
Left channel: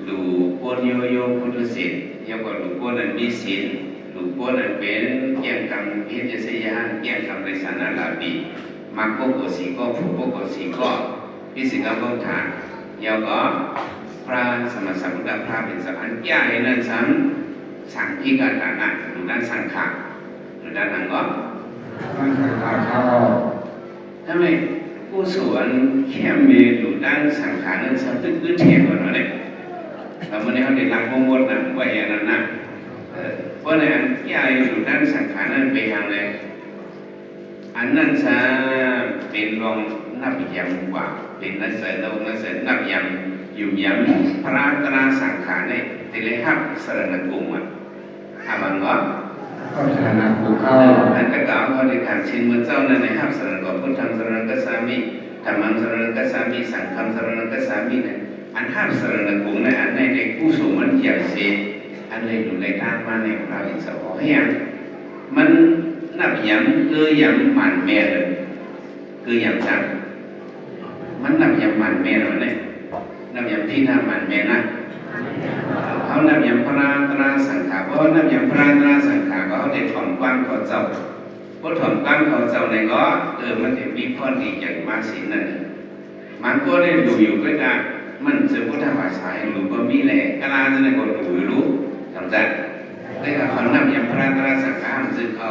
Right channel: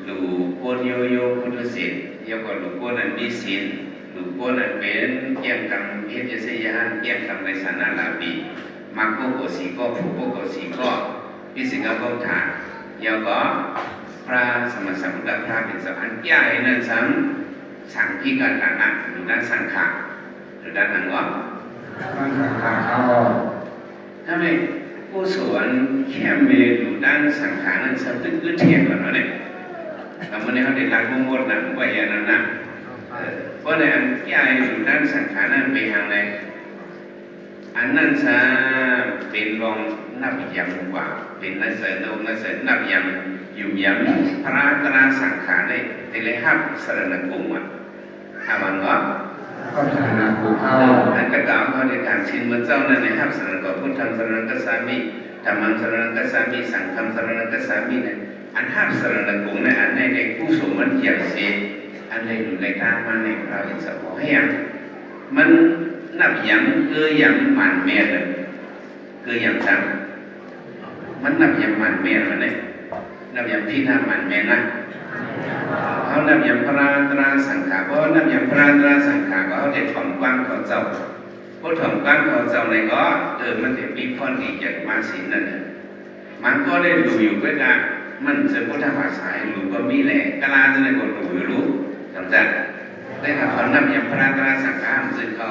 ดูโกนโยโย่พุทธศิลป์ยกว่าดูโกนนั้นมีศิลป์ดูโกนนั้นเป็นเกี่ยงกันเพศเสียหันเกี่ยงกันในสานาลาบีมาโกโกสีก็ผู้โกโกสีก็พิสิกาก็ถามยาวก็พระสมณสัมพุทธพระเป็นสัมพันธ์ใหญ่นั่นสังที่การต่างๆดูด้านสังขารดูด้านนั้นก็ถ้าไม่ผู้สวนแค่มีดูด้านสังขารนั้นสัมตึ้งเทียบกันเลยเราไม่ได้เขาได้รักมงคลนะว่าอย่างนั้นนะเพราะในอันใหญ่ดูด้านสังขารนั้นไปทางไหนอันนั้นจะเป็นรองนับยำกว่าเป็นนักเสนนับยำยุ่มยำพระตราสังขารในติเลหับสรณกุมถ้ามันก็เข้าสรณกุมเข้าอันกระกล่าวเขาในทางชินเมื่อเจ้าในหับสรณกุมพุทธังสรณกัสสามิธรรมังสรณกัสสามิสังฆังสรณกัสสามิเนี่ยอันหับสรณกุมในอันในเด็กผู้สูงมันอย่างเสียอันในอยู่ในทางมาในพระวิสวะให้ยังมันนับยำคือยังหมันแม่เลยคือยังจังมันนับยำหมันแม่เลยเนี่ยนับยำพิธาหมันแม่นะเขานับยำพระตราสังขารเพราะนับยำพระตราสังขารเขาได้ถ่อมกว้างเขาเจ้าเพราะถ่อมกว้างเขาเจ้าในก็มันจะมีข้อดีจากมาสินนั่นมันก็ได้ดูอยู่ก็ได้มันจะพุทธภาษาหรือก็มีแหละกลาจะได้ก็ดูรู้จำจัดได้กับเขานับยำพระตราสังขารซึ่งเขา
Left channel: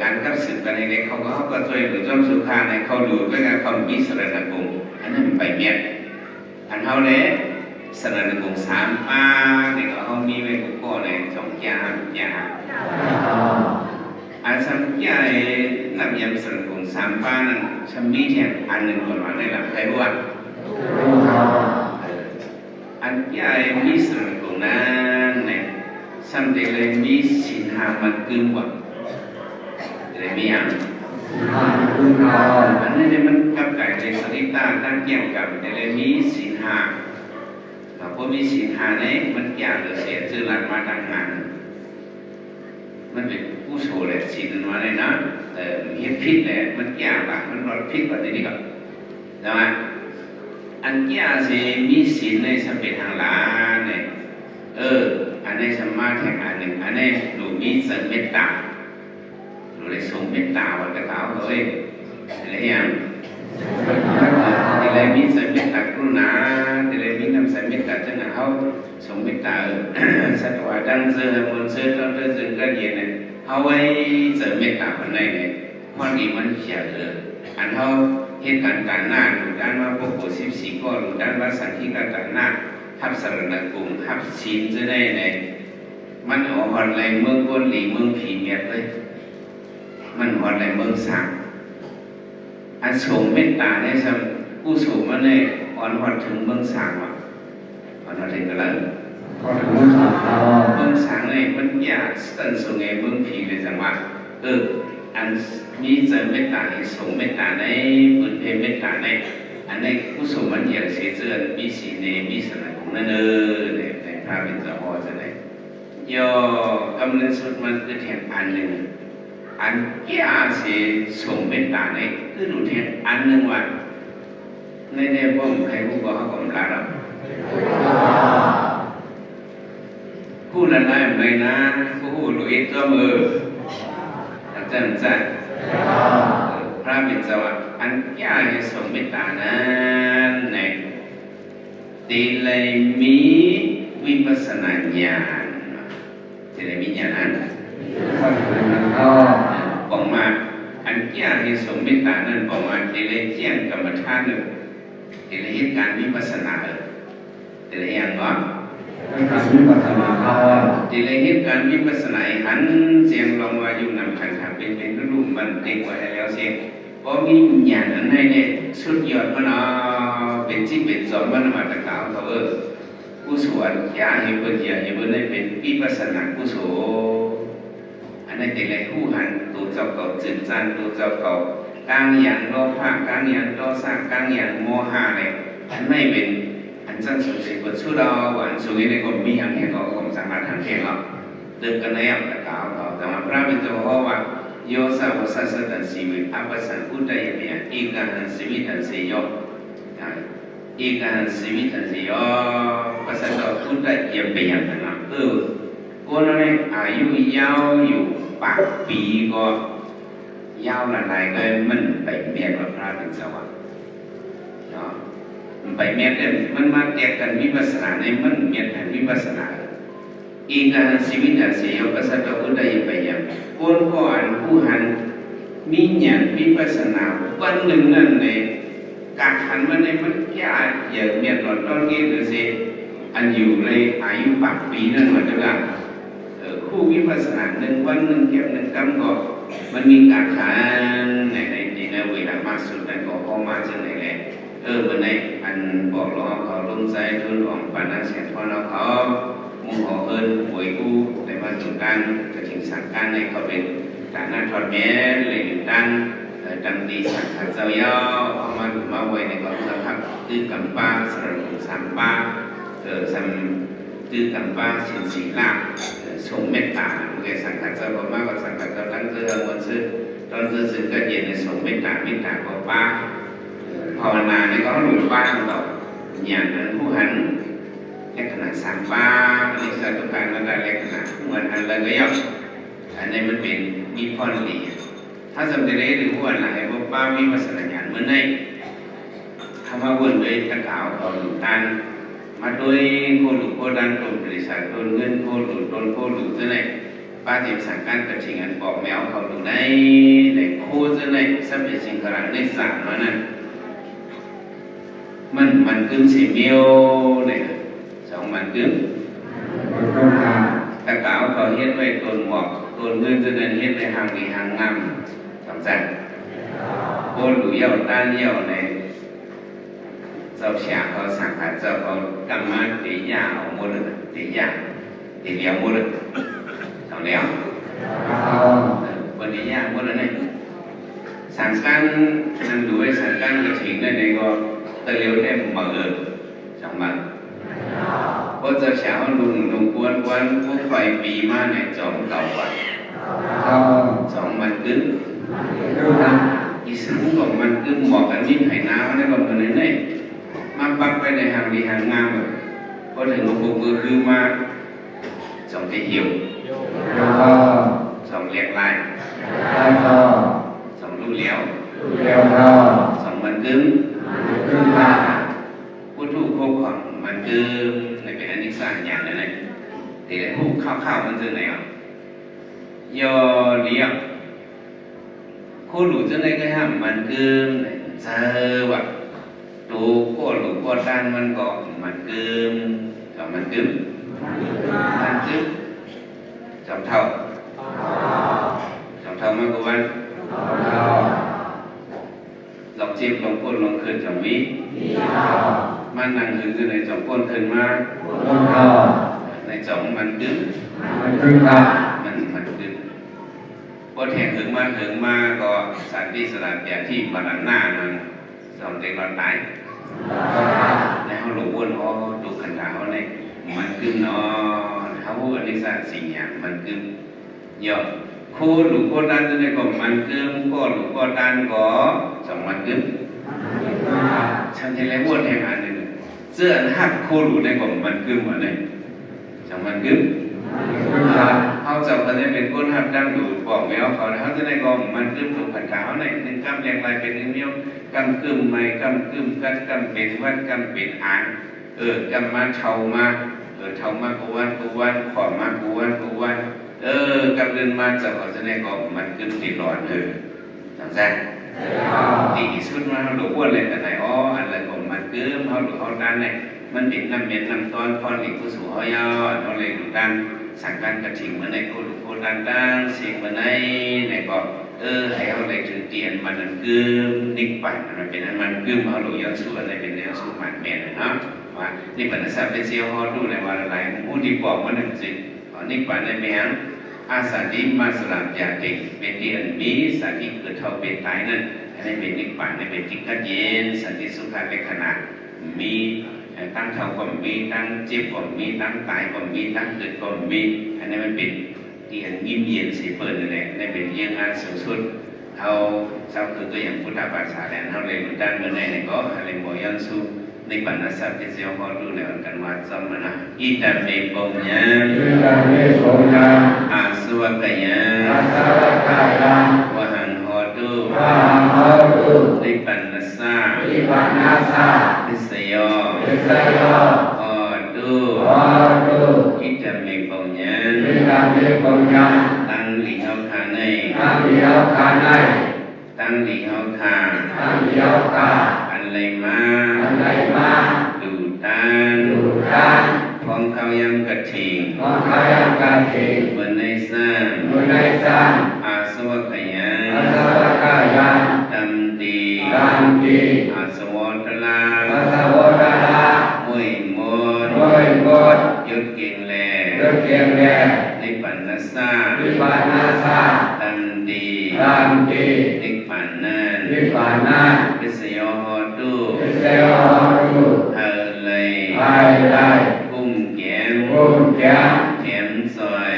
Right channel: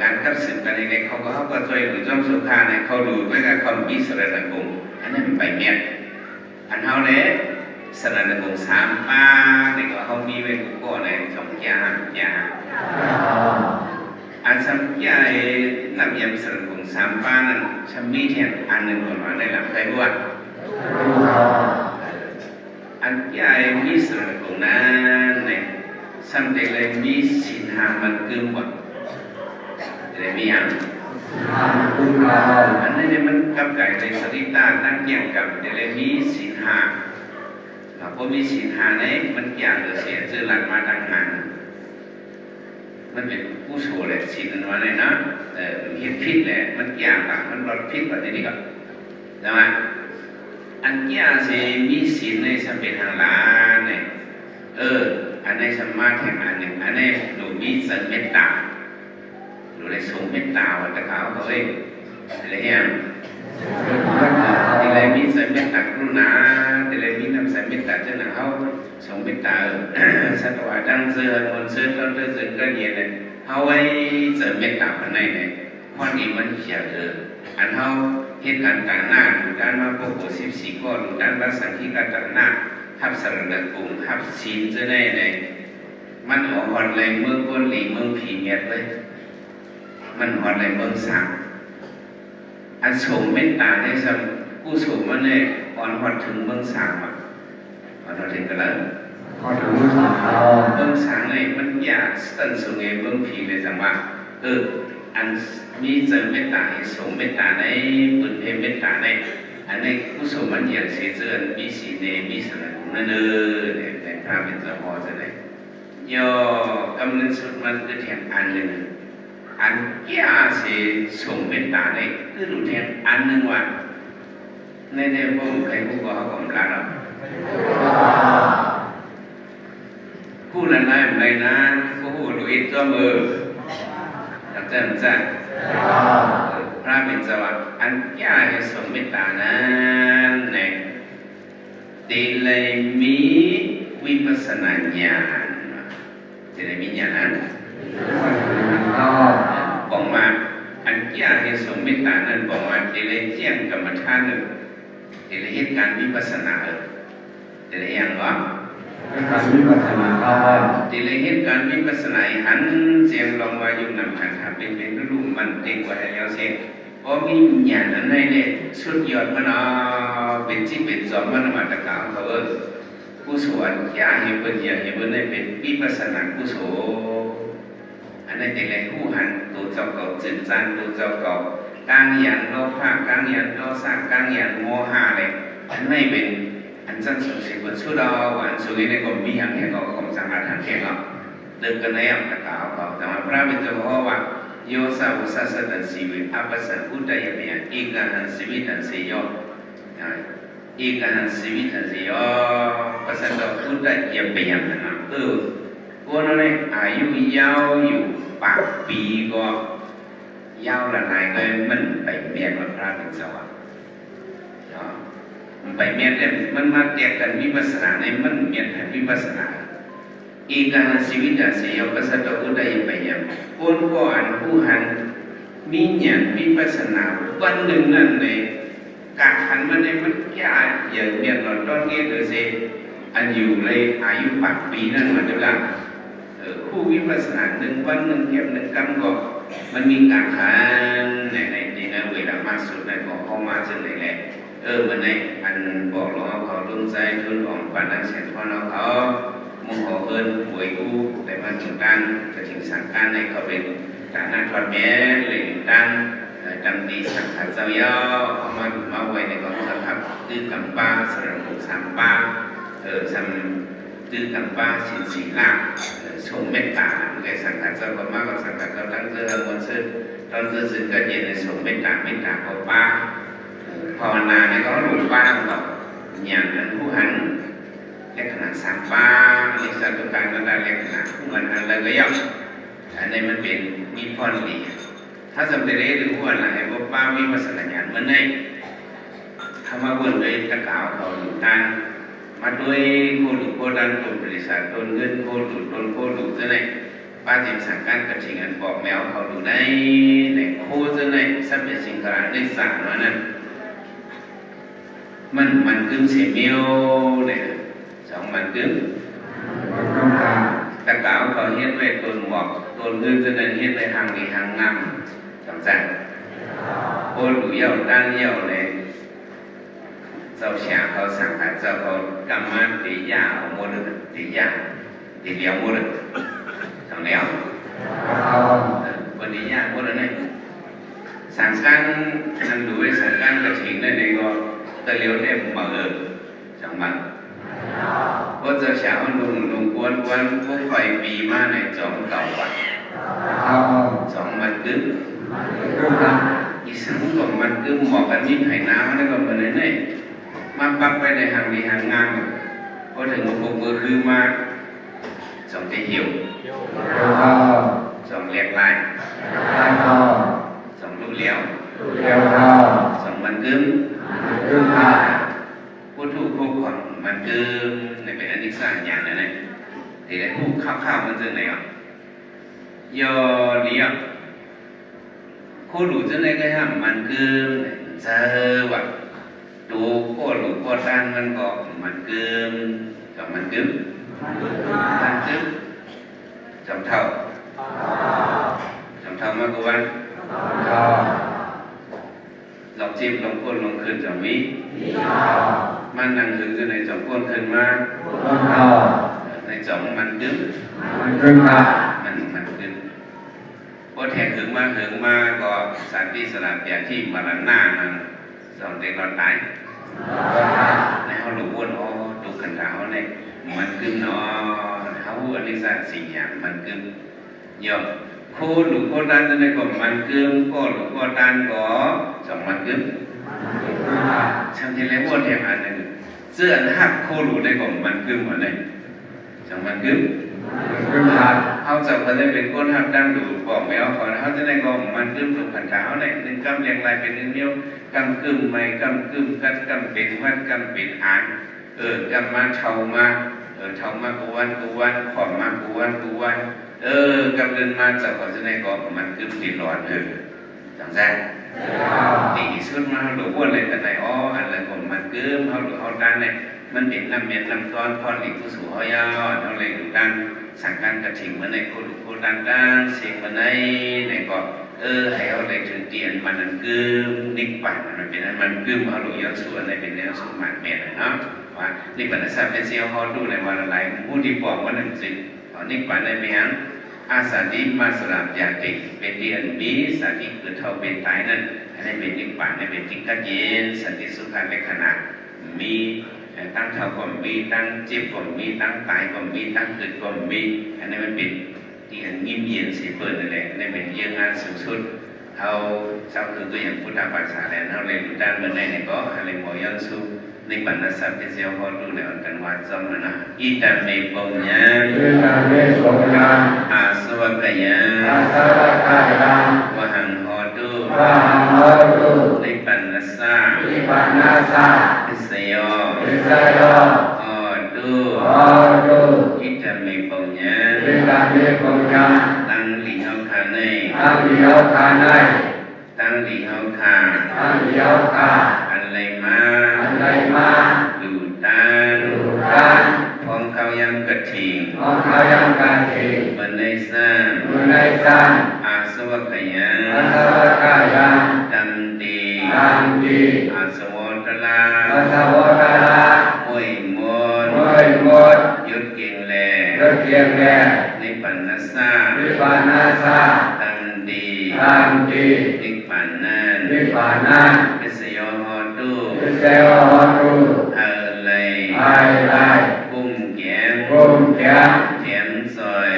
การคัดสืบกันในเขาก็ช่วยหรือจ้องสุขาในเขาดูด้วยการคำพิสรณกงอันนั้นไปเมียนอันเขาเนี่ยสรณกง3ป้าในเขามีไว้กุโก้ใน2อย่างอันสัมยานับยำสรณกง3ป้านั้นฉันมีแทนอันหนึ่งคนว่าในหลักใครรู้ว่าอันยามีสรณกงนั้นเนี่ยสัมเด็กเลยมีสินหามันกึ่งว่าอะไรมีอย่างอันนี้เนี่ยมันกับไก่ในสติตาตั้งเกี่ยวกับอะไรมีสินหาพอมีสินหาเนี่ยมันเกี่ยวกับเสียชื่อหลักมาดังนั้นมันเป็นผู้โชว์แหละสินมาเลยนะเห็นพิษแหละมันเกี่ยวกับมันรอดพิษแบบนี้ก่อนใช่ไหมอันเกี่ยวสิมีสินในสเปนหาลาเนี่ยอั อันนี้สมาธิอันหนึ่งอันนี้หนูมีเสริมเมตตาหนูได้ส่งเมตตาวันตะขาวเขาเองอะไรอย่างที่ไรมีเสริมเมตตากรุณาที่ไรมีน้ำเสริมเมตตาเจ้าหน้าเขาส่งเมตตาสัตว์ว่าดังเสือมนเสือต้นเสือจึงก็เย็นเลยเขาไว้เสริมเมตตาคนไหนเนี่ยความดีมันเขียวอันเขาเหตุการณ์ต่างหน้าหรือด้านว่าพวกโบ14ข้อหรือด้านว่าสังคีการต่างหน้าทับสารณกลุ่มทับศีลจะได้ไหนมันออกหอดแรงเมืองก้นหลีเมืองผีเมียดเลยมันหอดแรงเมืองสังอันส่งเมตตาได้สัมผู้ส่งมันเลยอ่อนหอดถึงเมืองสังอ่ะอ่อนหอดถึงกันแล้วพอถึงเรื่องสามข้อเมืองสังเลยมันอยากตั้งส่งไงเมืองผีเลยจังว่าอันมีเสริมเมตตาส่งเมตตาในปืนเพเมตตาในอันในผู้ส่งมันอยากเสียเจือนมีสีเนมีสนับนั่นเนี่ยในพระเป็นเจ้าพ่อจะได้ย่อกำลังสุดมันคือแทนอันหนึ่งอันแก่เสียส่งเมตตาในคือหลุดแทนอันหนึ่งว่าในพวกใครพวกเขาก็มันละหรอกผู้ละลายอะไรนะผู้หลุดก็มืออาจารย์พระเป็นเจ้าอันแก่ส่งเมตตานั้นเนี่ยตีเลยมีวิปัสสนาญาณตีเลยมีญาณนั้นบอกมาอันแก่ส่งเมตตานั้นบอกมาตีเลยแจ้งกรรมฐานนั้นตีเลยเหตุการณ์วิปัสสนาตีเลยอย่างว่าการวิปัสสนาตีเลยเหตุการณ์วิปัสสนาหันเสียงลงมาอยู่นำขันขาเป็นรูปมันเต็มกว่าแล้วเสียงเพราะมีญาณนั้นให้เนี่ยสุดยอดมันเป็นที่เป็นสมมันมาตะกาวเขาผู้สวดยาให้เป็นยาให้เป็นได้เป็นวิปัสสนาผู้สวดอันนั้นเป็นอะไรผู้หันตัวเจ้าเก่าจืดจานตัวเจ้าเก่ากลางอย่างโลภะกลางอย่างโทสะกลางอย่างโมหะเลยอันไม่เป็นอันจังสุดสิบสุดเราอันสุดนี้ในกรมมีอย่างแห่งก็กรมสังฆทานแห่งเราเดินกันในอย่างตะกาวเขาแต่ว่าพระเป็นเจ้าพ่อว่าโยสาวสัสดันสีวิอัปสันอุตตยเมียเอกาหันสีวิทันสีโยเอกาหันสีวิทันสีโยภาษาตัวอุตตยเมียนะคนนั้นอายุยาวอยู่8 ปีก็ยาวละลายก็มันไปเมียกับพระเป็นเจ้ามันไปเมียเนี่ยมันมาแตกกันวิปัสสนาในมันเมียกันวิปัสสนาเอกาหันสีวิทันสีโยภาษาตัวอุตตยเมียคนก่อนผู้หันมีญาณวิปัสสนาวันหนึ่งนั่นเลยการหันมาในมันแก่อย่างเมียนเราต้องเรียนดูสิอันอยู่ในอายุ8 ปีนั่นเหมือนกันผู้วิปัสสนา1 วัน 1 เก็บ 1 กำก็มันมีการขันในเวลามากสุดในก็เข้ามาจนไหนแหละเมื่อไหนอันบอกเราเขาลงใจทุนหลงปานังเสียงพอเราเขามุ่งขอเอิญหวยกู้แต่มาถึงการกระถิ่นสั่งการในเขาเป็นฐานะทอดแม่เลยดังดังดีสังขารเจ้าเยาเอามาไว้ในกองทัพตื้อกำป้าสระบุสามป้าสัมตื้อกำป้าสินสีลาส่งเมตตาในสังขารเจ้าก็มากกว่าสังขารเจ้าตั้งเจอวันซื้อตอนซื้อก็เย็นในส่งเมตตาก็ป้าภาวนาในเขาหลุดป้าต้องต่ออย่างนั้นผู้หันลักษณะสามป้าในสตุการมันได้ลักษณะเหมือนอันเลยก็ย่อมอันนี้มันเป็นมีพรดีถ้าสำเร็จได้หรือว่าอะไรพวกป้าวิปัสสนาญาณเหมือนในธรรมะวนเลยตะกาวเขาหลุดตันมาด้วยโคหลุดโคดันโคบริษัทโคเงินโคหลุดโคหลุดจะไหนป้าจิตสังการกับชิงอันบอกแมวเขาหลุดในโคจะไหนสัมผัสสิ่งขนาดในสั่งว่านั้นมันกึ่งเสียเมียวเนี่ย2 มันกึ่งตะกาวเขาเฮ็ดไว้ต้นหมอกต้นเงินจะนั้นเฮ็ดไว้หางดีหางงามสำคัญโคหลุดเยี่ยวด้านเยี่ยวในเจ้าเสียเขาสังขารเจ้าเขากำมาตียาหมดเลยตียาตีเลี้ยงหมดเลยทำแล้ววันนี้ยาหมดเลยเนี่ยสังการมันดูไว้สังการกระถิ่นในก็ตะเลียวเนี่ยมา2 มันเพราะเจ้าเสียเขาลุงกวนผู้ไฟปีมาใน2 เก่าวัน2 มันกึ่งอีสังของมันกึ่งหมอกกันยิ่งไห่น้ำนั่นก็เหมือนเนี่ยมาปักไปในหางดีหางงามพอถึงหลวงปู่มือคือมา สองที่หิว เดี๋ยวก็ สองเรียกไล่ ได้ก็ สองรู้เลี้ยว เดี๋ยวก็ สองมันกึ้ง ขึ้นมา ผู้ถูกพวกของมันกึ้งในเป็นอันนี้สร้างอย่างนั้นเลยthì lại hút khaoมันtừ này ạ do lý ạ khô đủ trên đây cái hàmมันกึ้งเจอว่ะดูโคตรหลุดโคตรด้านมันก็มันกึ้งกับมันกึ้งมันกึ้งจำเท่ามากกว่าวันลองจิ้มลองก้นลองขึ้นจำวิมันนั่งถึงในจำก้นขึ้นมาในจำมันกึ้งมันกึ้งพอแทงถึงมาก็สารที่สลัดแบบที่มาลันหน้ามันสอนเด็กเราตายในเขาหลงวนอ๋อดูขันขาวในมันกึ้งเนาะเขาอันนี้สารสิ่งอย่างมันกึ้งยอมโคหลุโคด้านในก็มันกึ้งโคหลุโคด้านก็สองมันกึ้งช่างที่แล้ววนแทงอันหนึ่งเสื้อหักโคหลุในก็มันกึ้งเหมือนเลยสองมันกึ้งเขาจะเขาได้เป็นก้นหักดังดูบอกแมวเขาจะได้ก็มันกึ้งถูกขันขาวในหนึ่งกำเรียงลายเป็นหนึ่งเดียวกำกึ้งไม่กำกึ้งกัดกำเป็นวัดกำเป็นอ่างกำมาเท่ามาเท่ามากูวันขอมากูวันกำเดินมาจากเขาจะได้ก็มันกึ้งติดหลอนจังใจตีสุดมาเขาดูว่าอะไรแต่ไหนอ๋ออันอะไรของมันกึ้งเขาดูเขาด้านเนี่ยมันเป็นน้ำเม็ดน้ำต้อนพอหลีกผู้สูงเขายาวเขาเลยดูด้านสั่งการกระถิ่งเหมือนในโคดูโคด้านเสียงเหมือนในก็ให้เขาเลยถึงเตียนมันกึ้งนิกปั่นมันเป็นมันกึ้งเขาดูย้อนส่วนในเป็นแนวสูงหมันเม็ดเนาะว่านี่เป็นสัตว์เป็นเซลล์เขาดูในวันอะไรผู้ที่บอกว่านั่นสินิกปั่นในเมียงอาสาดิมาสลับยาติเป็นที่อันมีสาธิตคือเท่าเป็นตายนั่นอันนี้เป็นนิกปั่นในเป็นจิตกัดเย็นสันติสุขในขณะมีตั้งเท่าก็มีตั้งเจ็บก็มีตั้งตายก็มีตั้งเกิดก็มีอันนี้มันเป็นที่อันยิ้มเย็นสีเปิดนั่นแหละในเป็นเยี่ยงงานสูงสุดเท่าเจ้าคือตัวอย่างพุทธภาษาแดนเท่าเรียนด้านเมื่อในก็อะไรหมอยันสูในบรรณาศัพท์เป็นเสียวพอดูในอันกันว่าจำนะอิตาเมปงยาอาสวะกยาวะหังโหตุในบรรณาศัพท์เป็นเสียวพอดูอิตาเมปงยาตั้งหลีเฮาคาในตั้งหลีเฮาคาอันไรมาดูตันพองเขายังกระถิ่งเมื่อในสร้างอาสวะขยันตัมตีอาสวะตะลามวยมดยุดเก่งแลในปันนัสสาตัมตีนิปันนันพิสโยโหตุเฮเลยกุ้มแก้มเทียมซอย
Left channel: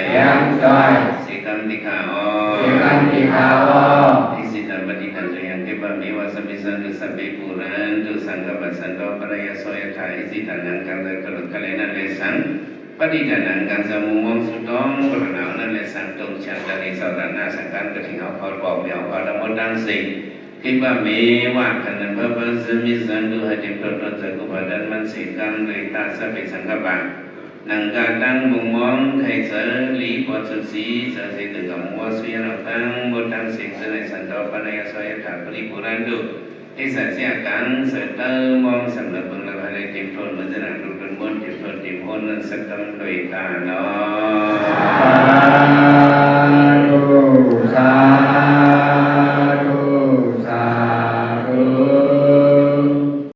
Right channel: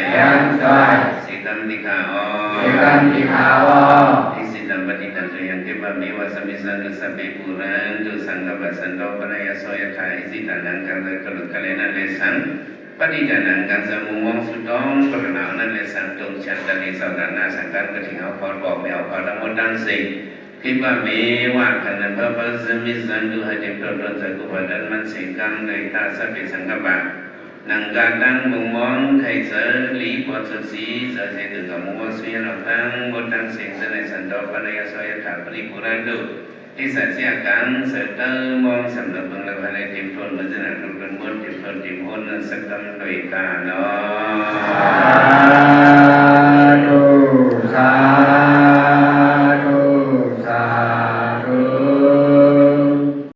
สิตัมติขาอทิสิตัมปฏิตันตุยังเก็บมีวาสมิสันตุสัพเพปุเรนตุสังกปสันโตปะยะโสยถาอิสิตันนังกังเกกลุกะเลนะเลสังปฏิตันนังกังสมุมงสุตองกระนานันเลสังตุฉันตะนิสัตนาสังกังกะถิงเอาพอบอกแมวพอละมุดังสิคิดว่ามีว่าขณะพระพุทธมิสันดูให้เด็กโปรดใจกุปดันมันสิกังเลยตาสัพเพสังกปะนังกาตังมุงมองไทยเสรีปอดสุสีเสด็จถึงกับมัวสุยเราตั้งบทตั้งเสียงในสันโดปนัยสอยถาปริปุรันดุที่สัจเสียกันเสด็จมองสำนักบังละพันติมพลมันจะนักรุนมนติมพลติมพลนั้นสักกันโดยตาเนาะ